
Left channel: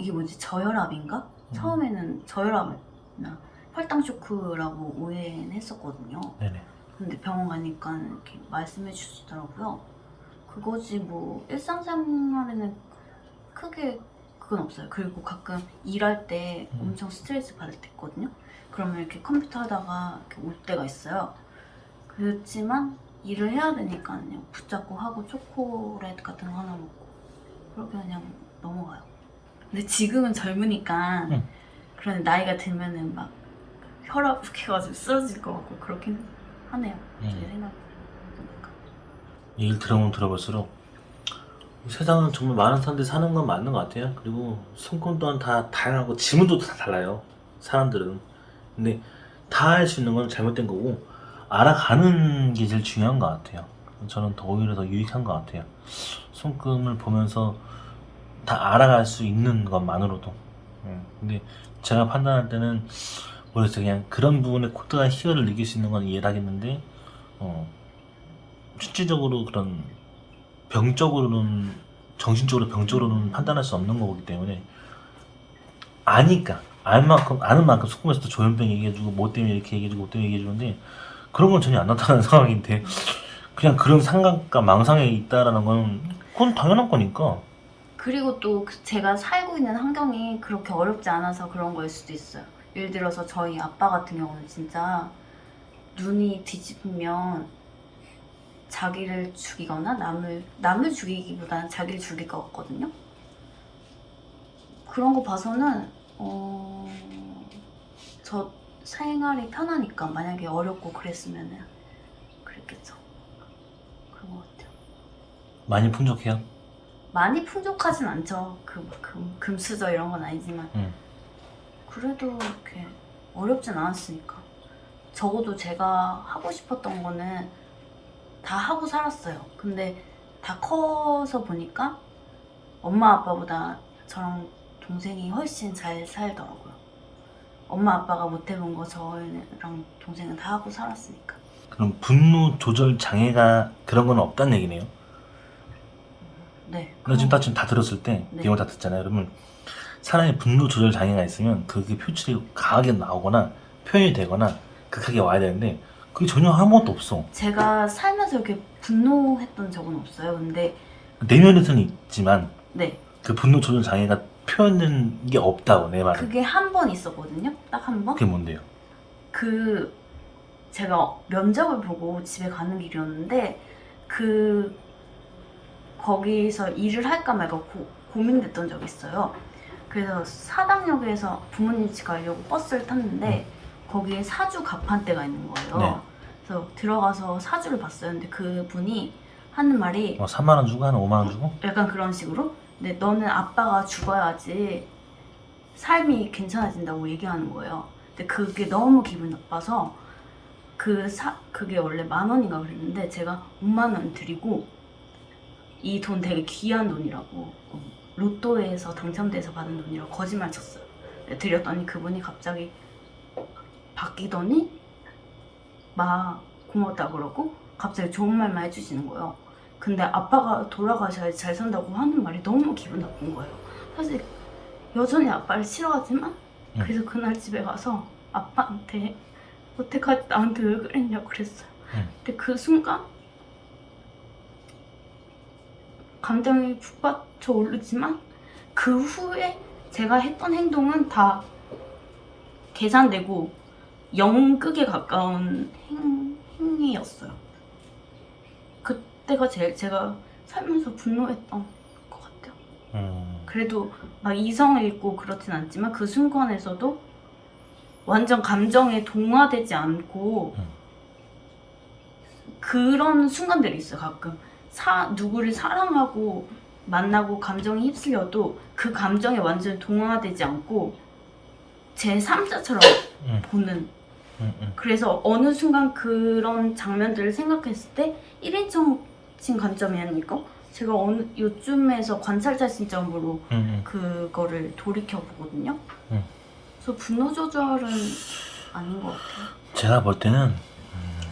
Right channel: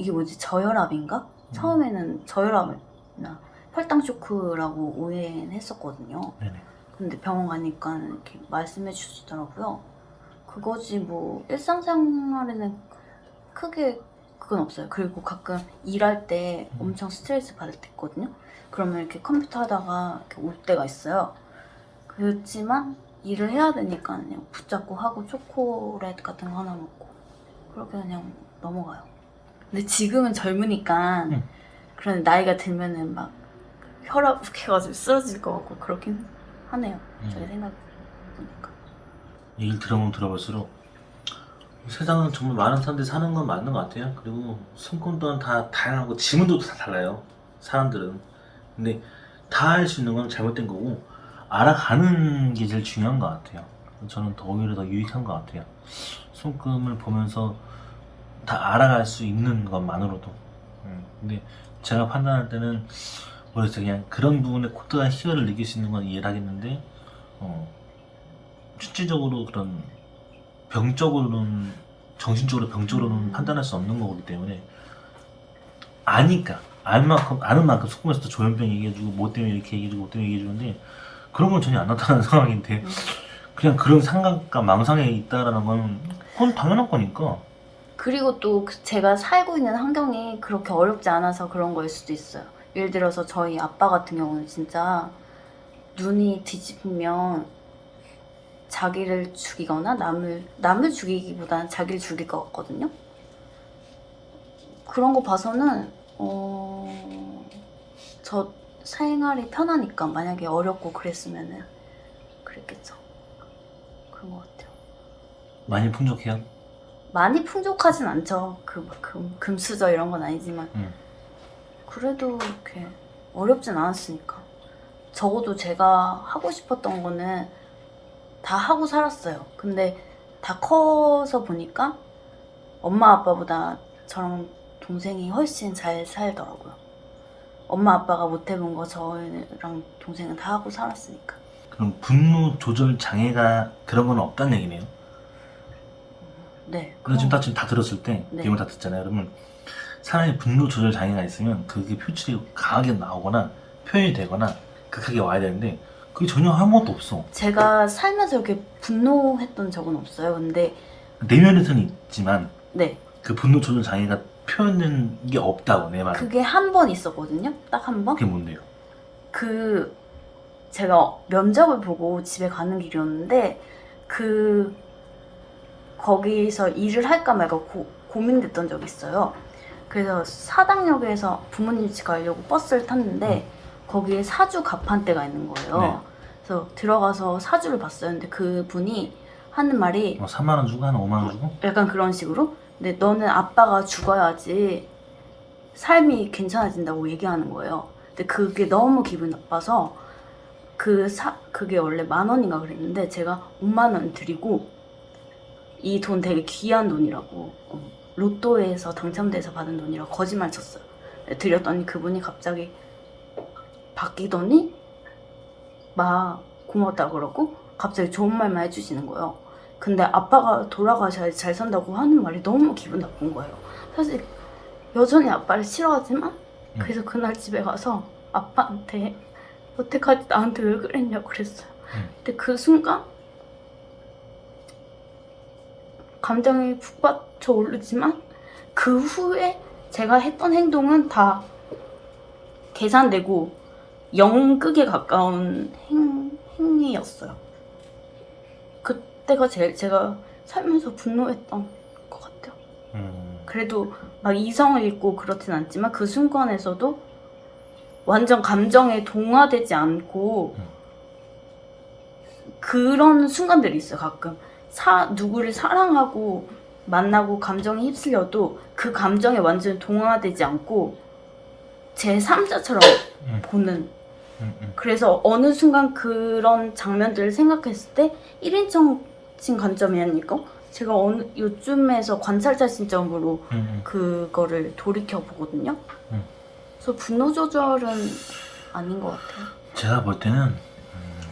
이게 뭐지, 저혈압인가? 처음에는 저혈압이나 혈당 쇼크라고 오해는 했었거든요. 네네. 근데 병원 가니까 이렇게 말씀해 주시더라고요. 그거지 뭐 일상생활에는 크게 그건 없어요. 그리고 가끔 일할 때 엄청 스트레스 받을 때 있거든요. 그러면 이렇게 컴퓨터 하다가 이렇게 올 때가 있어요. 그렇지만 일을 해야 되니까 그냥 붙잡고 하고 초콜릿 같은 거 하나 먹고 그렇게 그냥 넘어가요. 근데 지금은 젊으니까 그런 나이가 들면은 막 혈압 훅 해가지고 쓰러질 것 같고 그렇긴 하네요. 제 생각보니까. 얘기를 들어보면 들어볼수록 세상은 정말 많은 사람들이 사는 건 맞는 것 같아요. 그리고 손금 또한 다 다양하고 지문도 다 달라요, 사람들은. 근데 다 할 수 있는 건 잘못된 거고 알아가는 게 제일 중요한 것 같아요. 저는 오히려 더 유익한 것 같아요. 손금을 보면서 다 알아갈 수 있는 것만으로도. 근데 제가 판단할 때는 모르겠어요. 그냥 그런 부분에 코드가 희열을 느낄 수 있는 건 이해를 하겠는데 실질적으로 그런 병적으로는, 정신적으로 병적으로는 판단할 수 없는 거기 때문에 아니까 아는 만큼 소금에서도 조현병 얘기해주고 뭐 때문에 이렇게 얘기해주고 뭐 때문에 얘기해주는데 그런 건 전혀 안 나타나는 상황인데 그냥 그런 상관과 망상에 있다라는 건 그건 당연한 거니까. 그리고 또 제가 살고 있는 환경이 그렇게 어렵지 않아서 그런 거일 수도 있어요. 예를 들어서 저희 아빠 같은 경우는 진짜 눈이 뒤집히면 자기를 죽이거나 남을 죽이기보다는 자기를 죽일 것 같거든요. 그런 거 봐서는 저 생활이 편하니까 만약에 어렵고 그랬으면은 그랬겠죠. 그런 것 같아요. 많이 풍족해요. 많이 풍족하진 않죠. 금수저 이런 건 아니지만 그래도 이렇게 어렵진 않았으니까. 적어도 제가 하고 싶었던 거는 다 하고 살았어요. 근데 다 커서 보니까 엄마 아빠보다 저랑 동생이 훨씬 잘 살더라고요. 엄마 아빠가 못 해본 거 저랑 동생은 다 하고 살았으니까. 그럼 분노 조절 장애가 그런 건 없다는 얘기네요. 네. 너 지금 다 들었을 때 네. 내용을 다 듣잖아요. 그러면 사람이 분노 조절 장애가 있으면 그게 표출이 강하게 나오거나 표현이 되거나 극하게 와야 되는데 그게 전혀 아무것도 없어. 제가 살면서 이렇게 분노했던 적은 없어요. 근데 내면에서는 있지만 네. 그 분노 조절 장애가 표현된 게 없다고 내 말은. 그게 한 번 있었거든요. 딱 한 번. 그게 뭔데요? 제가 면접을 보고 집에 가는 길이었는데 거기서 일을 할까 말까 고민됐던 적이 있어요. 그래서 사당역에서 부모님 집 가려고 버스를 탔는데 거기에 사주 가판대가 있는 거예요. 네. 그래서 들어가서 사주를 봤어요. 근데 그분이 하는 말이 3만 원 주고 한 5만 원 주고? 약간 그런 식으로 근데 너는 아빠가 죽어야지 삶이 괜찮아진다고 얘기하는 거예요. 근데 그게 너무 기분 나빠서 그게 원래 10,000원인가 그랬는데 제가 5만 원 드리고 이 돈 되게 귀한 돈이라고 로또에서 당첨돼서 받은 돈이라고 거짓말 쳤어요. 드렸더니 그분이 갑자기 바뀌더니 막 고맙다 그러고 갑자기 좋은 말만 해주시는 거예요. 근데 아빠가 돌아가셔야지 잘 산다고 하는 말이 너무 기분 나쁜 거예요. 사실 여전히 아빠를 싫어하지만 그래서 그날 집에 가서 아빠한테 여태까지 나한테 왜 그랬냐고 그랬어요. 근데 그 순간 감정이 북받쳐 오르지만 그 후에 제가 했던 행동은 다 계산되고 영극에 가까운 행위였어요. 그때가 제가 살면서 분노했던 것 같아요. 그래도 막 이성을 잃고 그렇진 않지만 그 순간에서도 완전 감정에 동화되지 않고 그런 순간들이 있어요. 가끔 누구를 사랑하고 만나고 감정에 휩쓸려도 그 감정에 완전 동화되지 않고 제 3자처럼 보는 그래서 어느 순간 그런 장면들을 생각했을 때 1인칭 관점이 아니고 제가 요즘에서 관찰자 시점으로 그거를 돌이켜 보거든요. 그래서 분노 조절은 아닌 것 같아요. 제가 볼 때는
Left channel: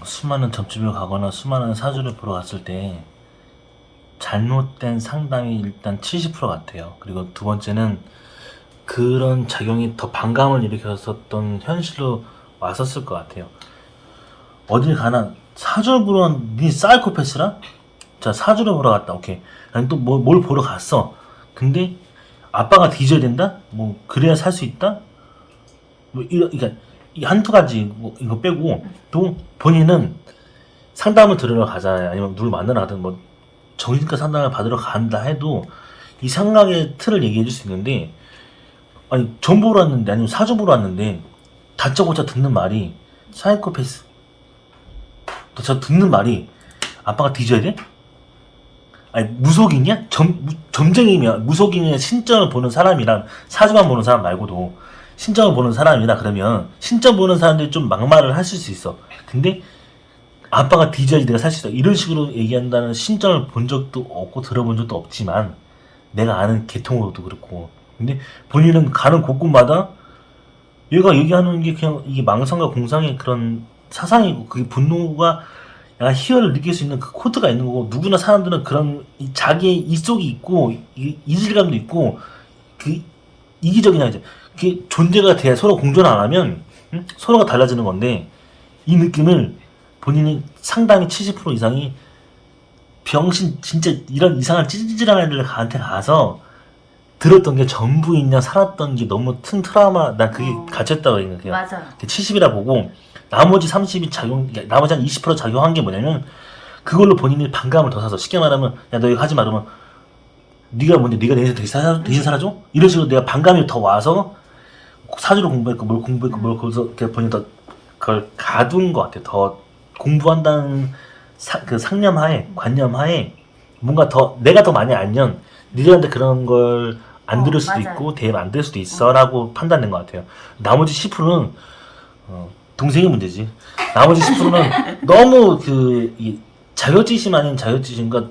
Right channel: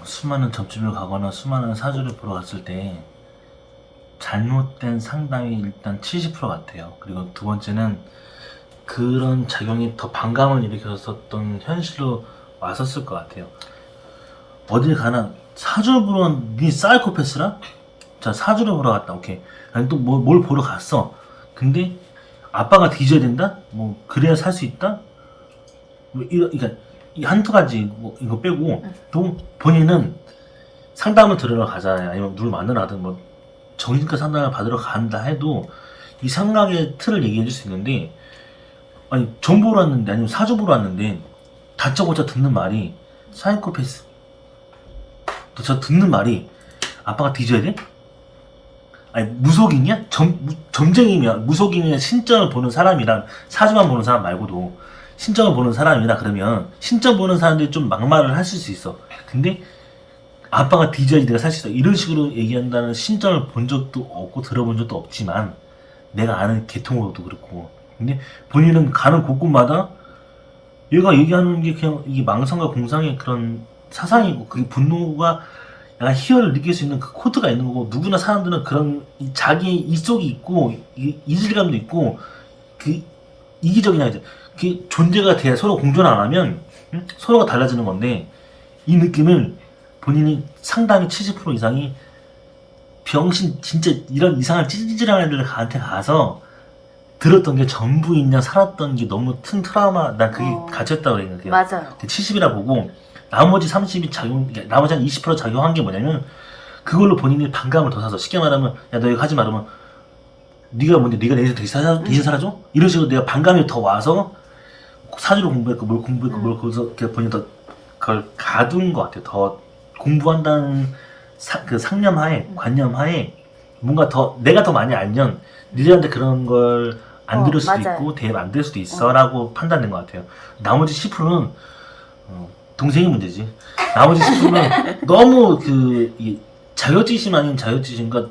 수많은 점집을 가거나 수많은 사주를 보러 갔을 때 잘못된 상담이 일단 70% 같아요. 그리고 두 번째는 그런 작용이 더 반감을 일으켰었던 현실로 왔었을 것 같아요. 어딜 가나 사주 보러 니 사이코패스라? 자, 사주를 보러 갔다. 오케이. 아니 또 뭘 보러 갔어. 근데 아빠가 뒤져야 된다? 뭐 그래야 살 수 있다? 뭐 그러니까 이 한두 가지 이거 빼고 또 본인은 상담을 들으러 가자 아니면 누굴 만나러 가든 뭐 정신과 상담을 받으러 간다 해도 이 생각의 틀을 얘기해 줄 수 있는데 아니 점 보러 왔는데 아니면 사주 보러 왔는데 다짜고짜 듣는 말이 사이코패스 저 듣는 말이 아빠가 뒤져야 돼? 아니 무속이냐? 점쟁이면 무속이냐 신점을 보는 사람이랑 사주만 보는 사람 말고도 신점을 보는 사람이라 그러면 신점 보는 사람들이 좀 막말을 하실 수 있어. 근데 아빠가 뒤져야지 내가 살 수 있어 이런 식으로 얘기한다는 신점을 본 적도 없고 들어본 적도 없지만 내가 아는 계통으로도 그렇고 근데 본인은 가는 곳곳마다 얘가 얘기하는 게 그냥 이게 망상과 공상의 그런 사상이고 그게 분노가 약간 희열을 느낄 수 있는 그 코드가 있는 거고 누구나 사람들은 그런 자기의 이속이 있고 이질감도 있고 그 이기적인 아이죠. 그게 존재가 돼야 서로 공존 안 하면 서로가 달라지는 건데 이 느낌을 본인이 상당히 70% 이상이 병신 진짜 이런 이상한 찌질한 애들한테 가서 들었던 게 전부 있냐 살았던 게 너무 큰 트라우마 난 그게 갇혔다고 생각해요. 맞아요. 70이라 보고 나머지 30이 작용 나머지 한 20% 작용한 게 뭐냐면 그걸로 본인이 반감을 더 사서 쉽게 말하면 야 너 이거 하지 말으면 네가 뭔데 네가 내 인생 대신 살아줘? 이런 식으로 내가 반감이 더 와서 사주를 공부했고 뭘 공부했고 뭘 거기서 본인이 더 그걸 가둔 것 같아요. 더 공부한다는 그 상념하에 관념하에 뭔가 더 내가 더 많이 알면 니들한테 그런 걸 안 들을 수도 맞아요. 있고 대입 안 될 수도 있어라고 판단된 것 같아요. 나머지 10%는 동생이 문제지. 나머지 10%는 너무 이 자격지심 아닌 자격지심과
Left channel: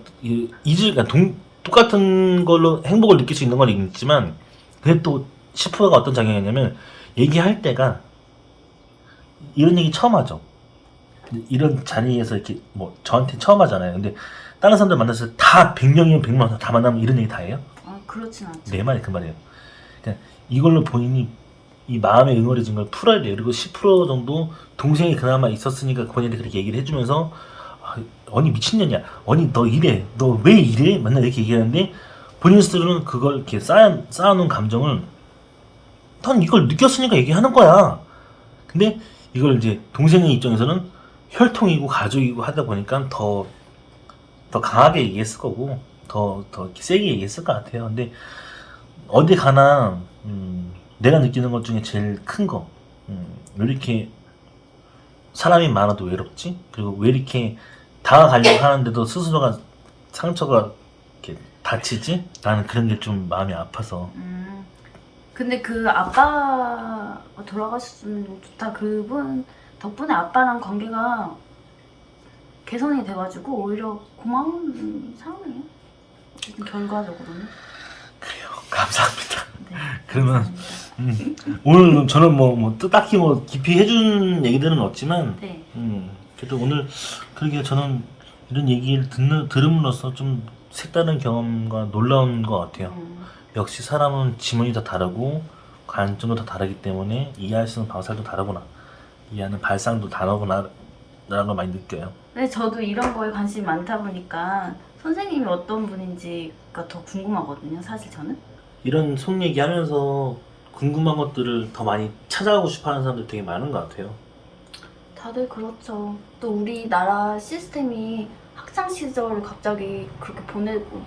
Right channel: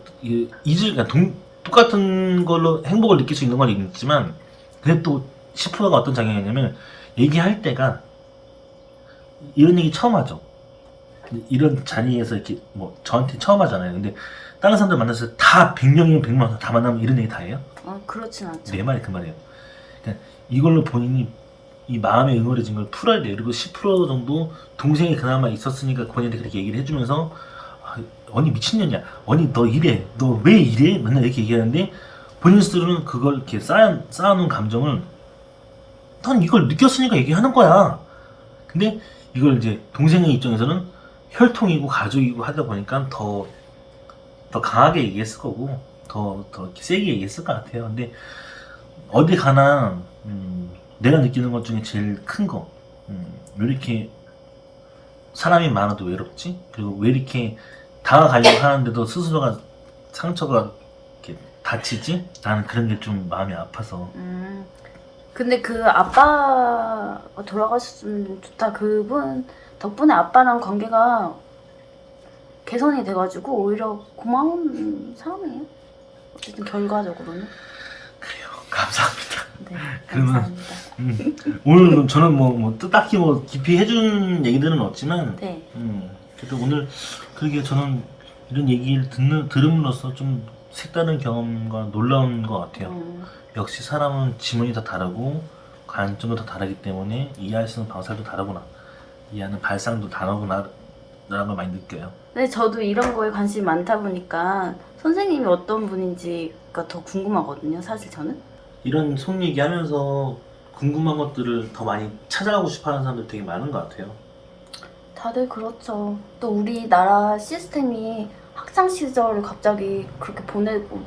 똑같은 걸로 행복을 느낄 수 있는 건 있지만 근데 또 10%가 어떤 작용이냐면 얘기할 때가 이런 얘기 처음 하죠. 이런 자리에서 이렇게 뭐 저한테 처음 하잖아요. 근데 다른 사람들 만났을 때 다 100명이면 100명 다 만나면 이런 얘기 다 해요? 그렇진 않죠. 내 말이 그 말이에요. 그러니까 이걸로 본인이 이 마음에 응어리진 걸 풀어야 돼요. 그리고 10% 정도 동생이 그나마 있었으니까 본인한테 그렇게 얘기를 해주면서 언니 미친년이야. 언니 너 이래. 너 왜 이래? 맨날 이렇게 얘기하는데 본인 스스로는 그걸 이렇게 쌓아놓은 감정을 넌 이걸 느꼈으니까 얘기하는 거야. 근데 이걸 이제 동생의 입장에서는 혈통이고 가족이고 하다 보니까 더 강하게 얘기했을 거고 더 이렇게 세게 얘기했을 것 같아요. 근데 어디 가나 내가 느끼는 것 중에 제일 큰 거 왜 이렇게 사람이 많아도 외롭지? 그리고 왜 이렇게 다가가려고 하는데도 스스로가 상처가 이렇게 다치지? 나는 그런 게 좀 마음이 아파서. 근데 그 아빠 돌아가셨으면 좋다. 그분 덕분에 아빠랑 관계가 개선이 돼가지고 오히려 고마운 사람이에요. 어쨌든 결과적으로는. 그래요. 감사합니다. 네, 그러면 감사합니다. 오늘 저는 뭐 딱히 뭐 깊이 해준 얘기들은 없지만 네. 그래도 오늘 그러게 저는 이런 얘기를 들음으로써 좀 색다른 경험과 놀라운 것 같아요. 역시 사람은 지문이 다 다르고 관점도 다 다르기 때문에 이해할 수 있는 방식도 다르구나. 이해하는 발상도 다르구나 라는 걸 많이 느껴요. 근데 저도 이런 거에 관심이 많다 보니까 선생님이 어떤 분인지가 더 궁금하거든요. 사실 저는. 이런 속 얘기하면서 궁금한 것들을 더 많이 찾아가고 싶어하는 사람들 되게 많은 것 같아요. 다들 그렇죠. 또 우리나라 시스템이 학창 시절을 갑자기 그렇게 보내고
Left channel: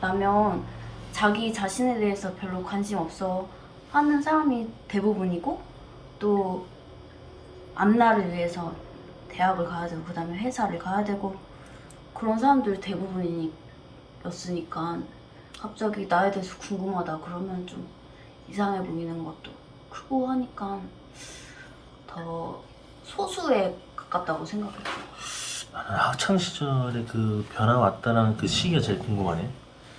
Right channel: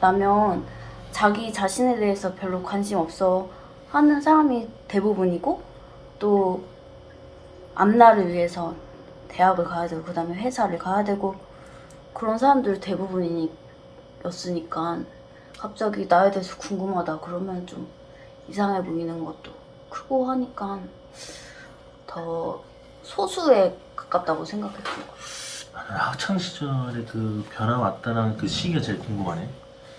나면 자기 자신에 대해서 별로 관심 없어 하는 사람이 대부분이고 또 앞날을 위해서 대학을 가야 되고 그다음에 회사를 가야 되고 그런 사람들 대부분이었으니까 갑자기 나에 대해서 궁금하다 그러면 좀 이상해 보이는 것도 크고 하니까 더 소수에 가깝다고 생각했어요. 나는 학창 시절에 그 변화 왔다는 그 시기가 제일 궁금하네.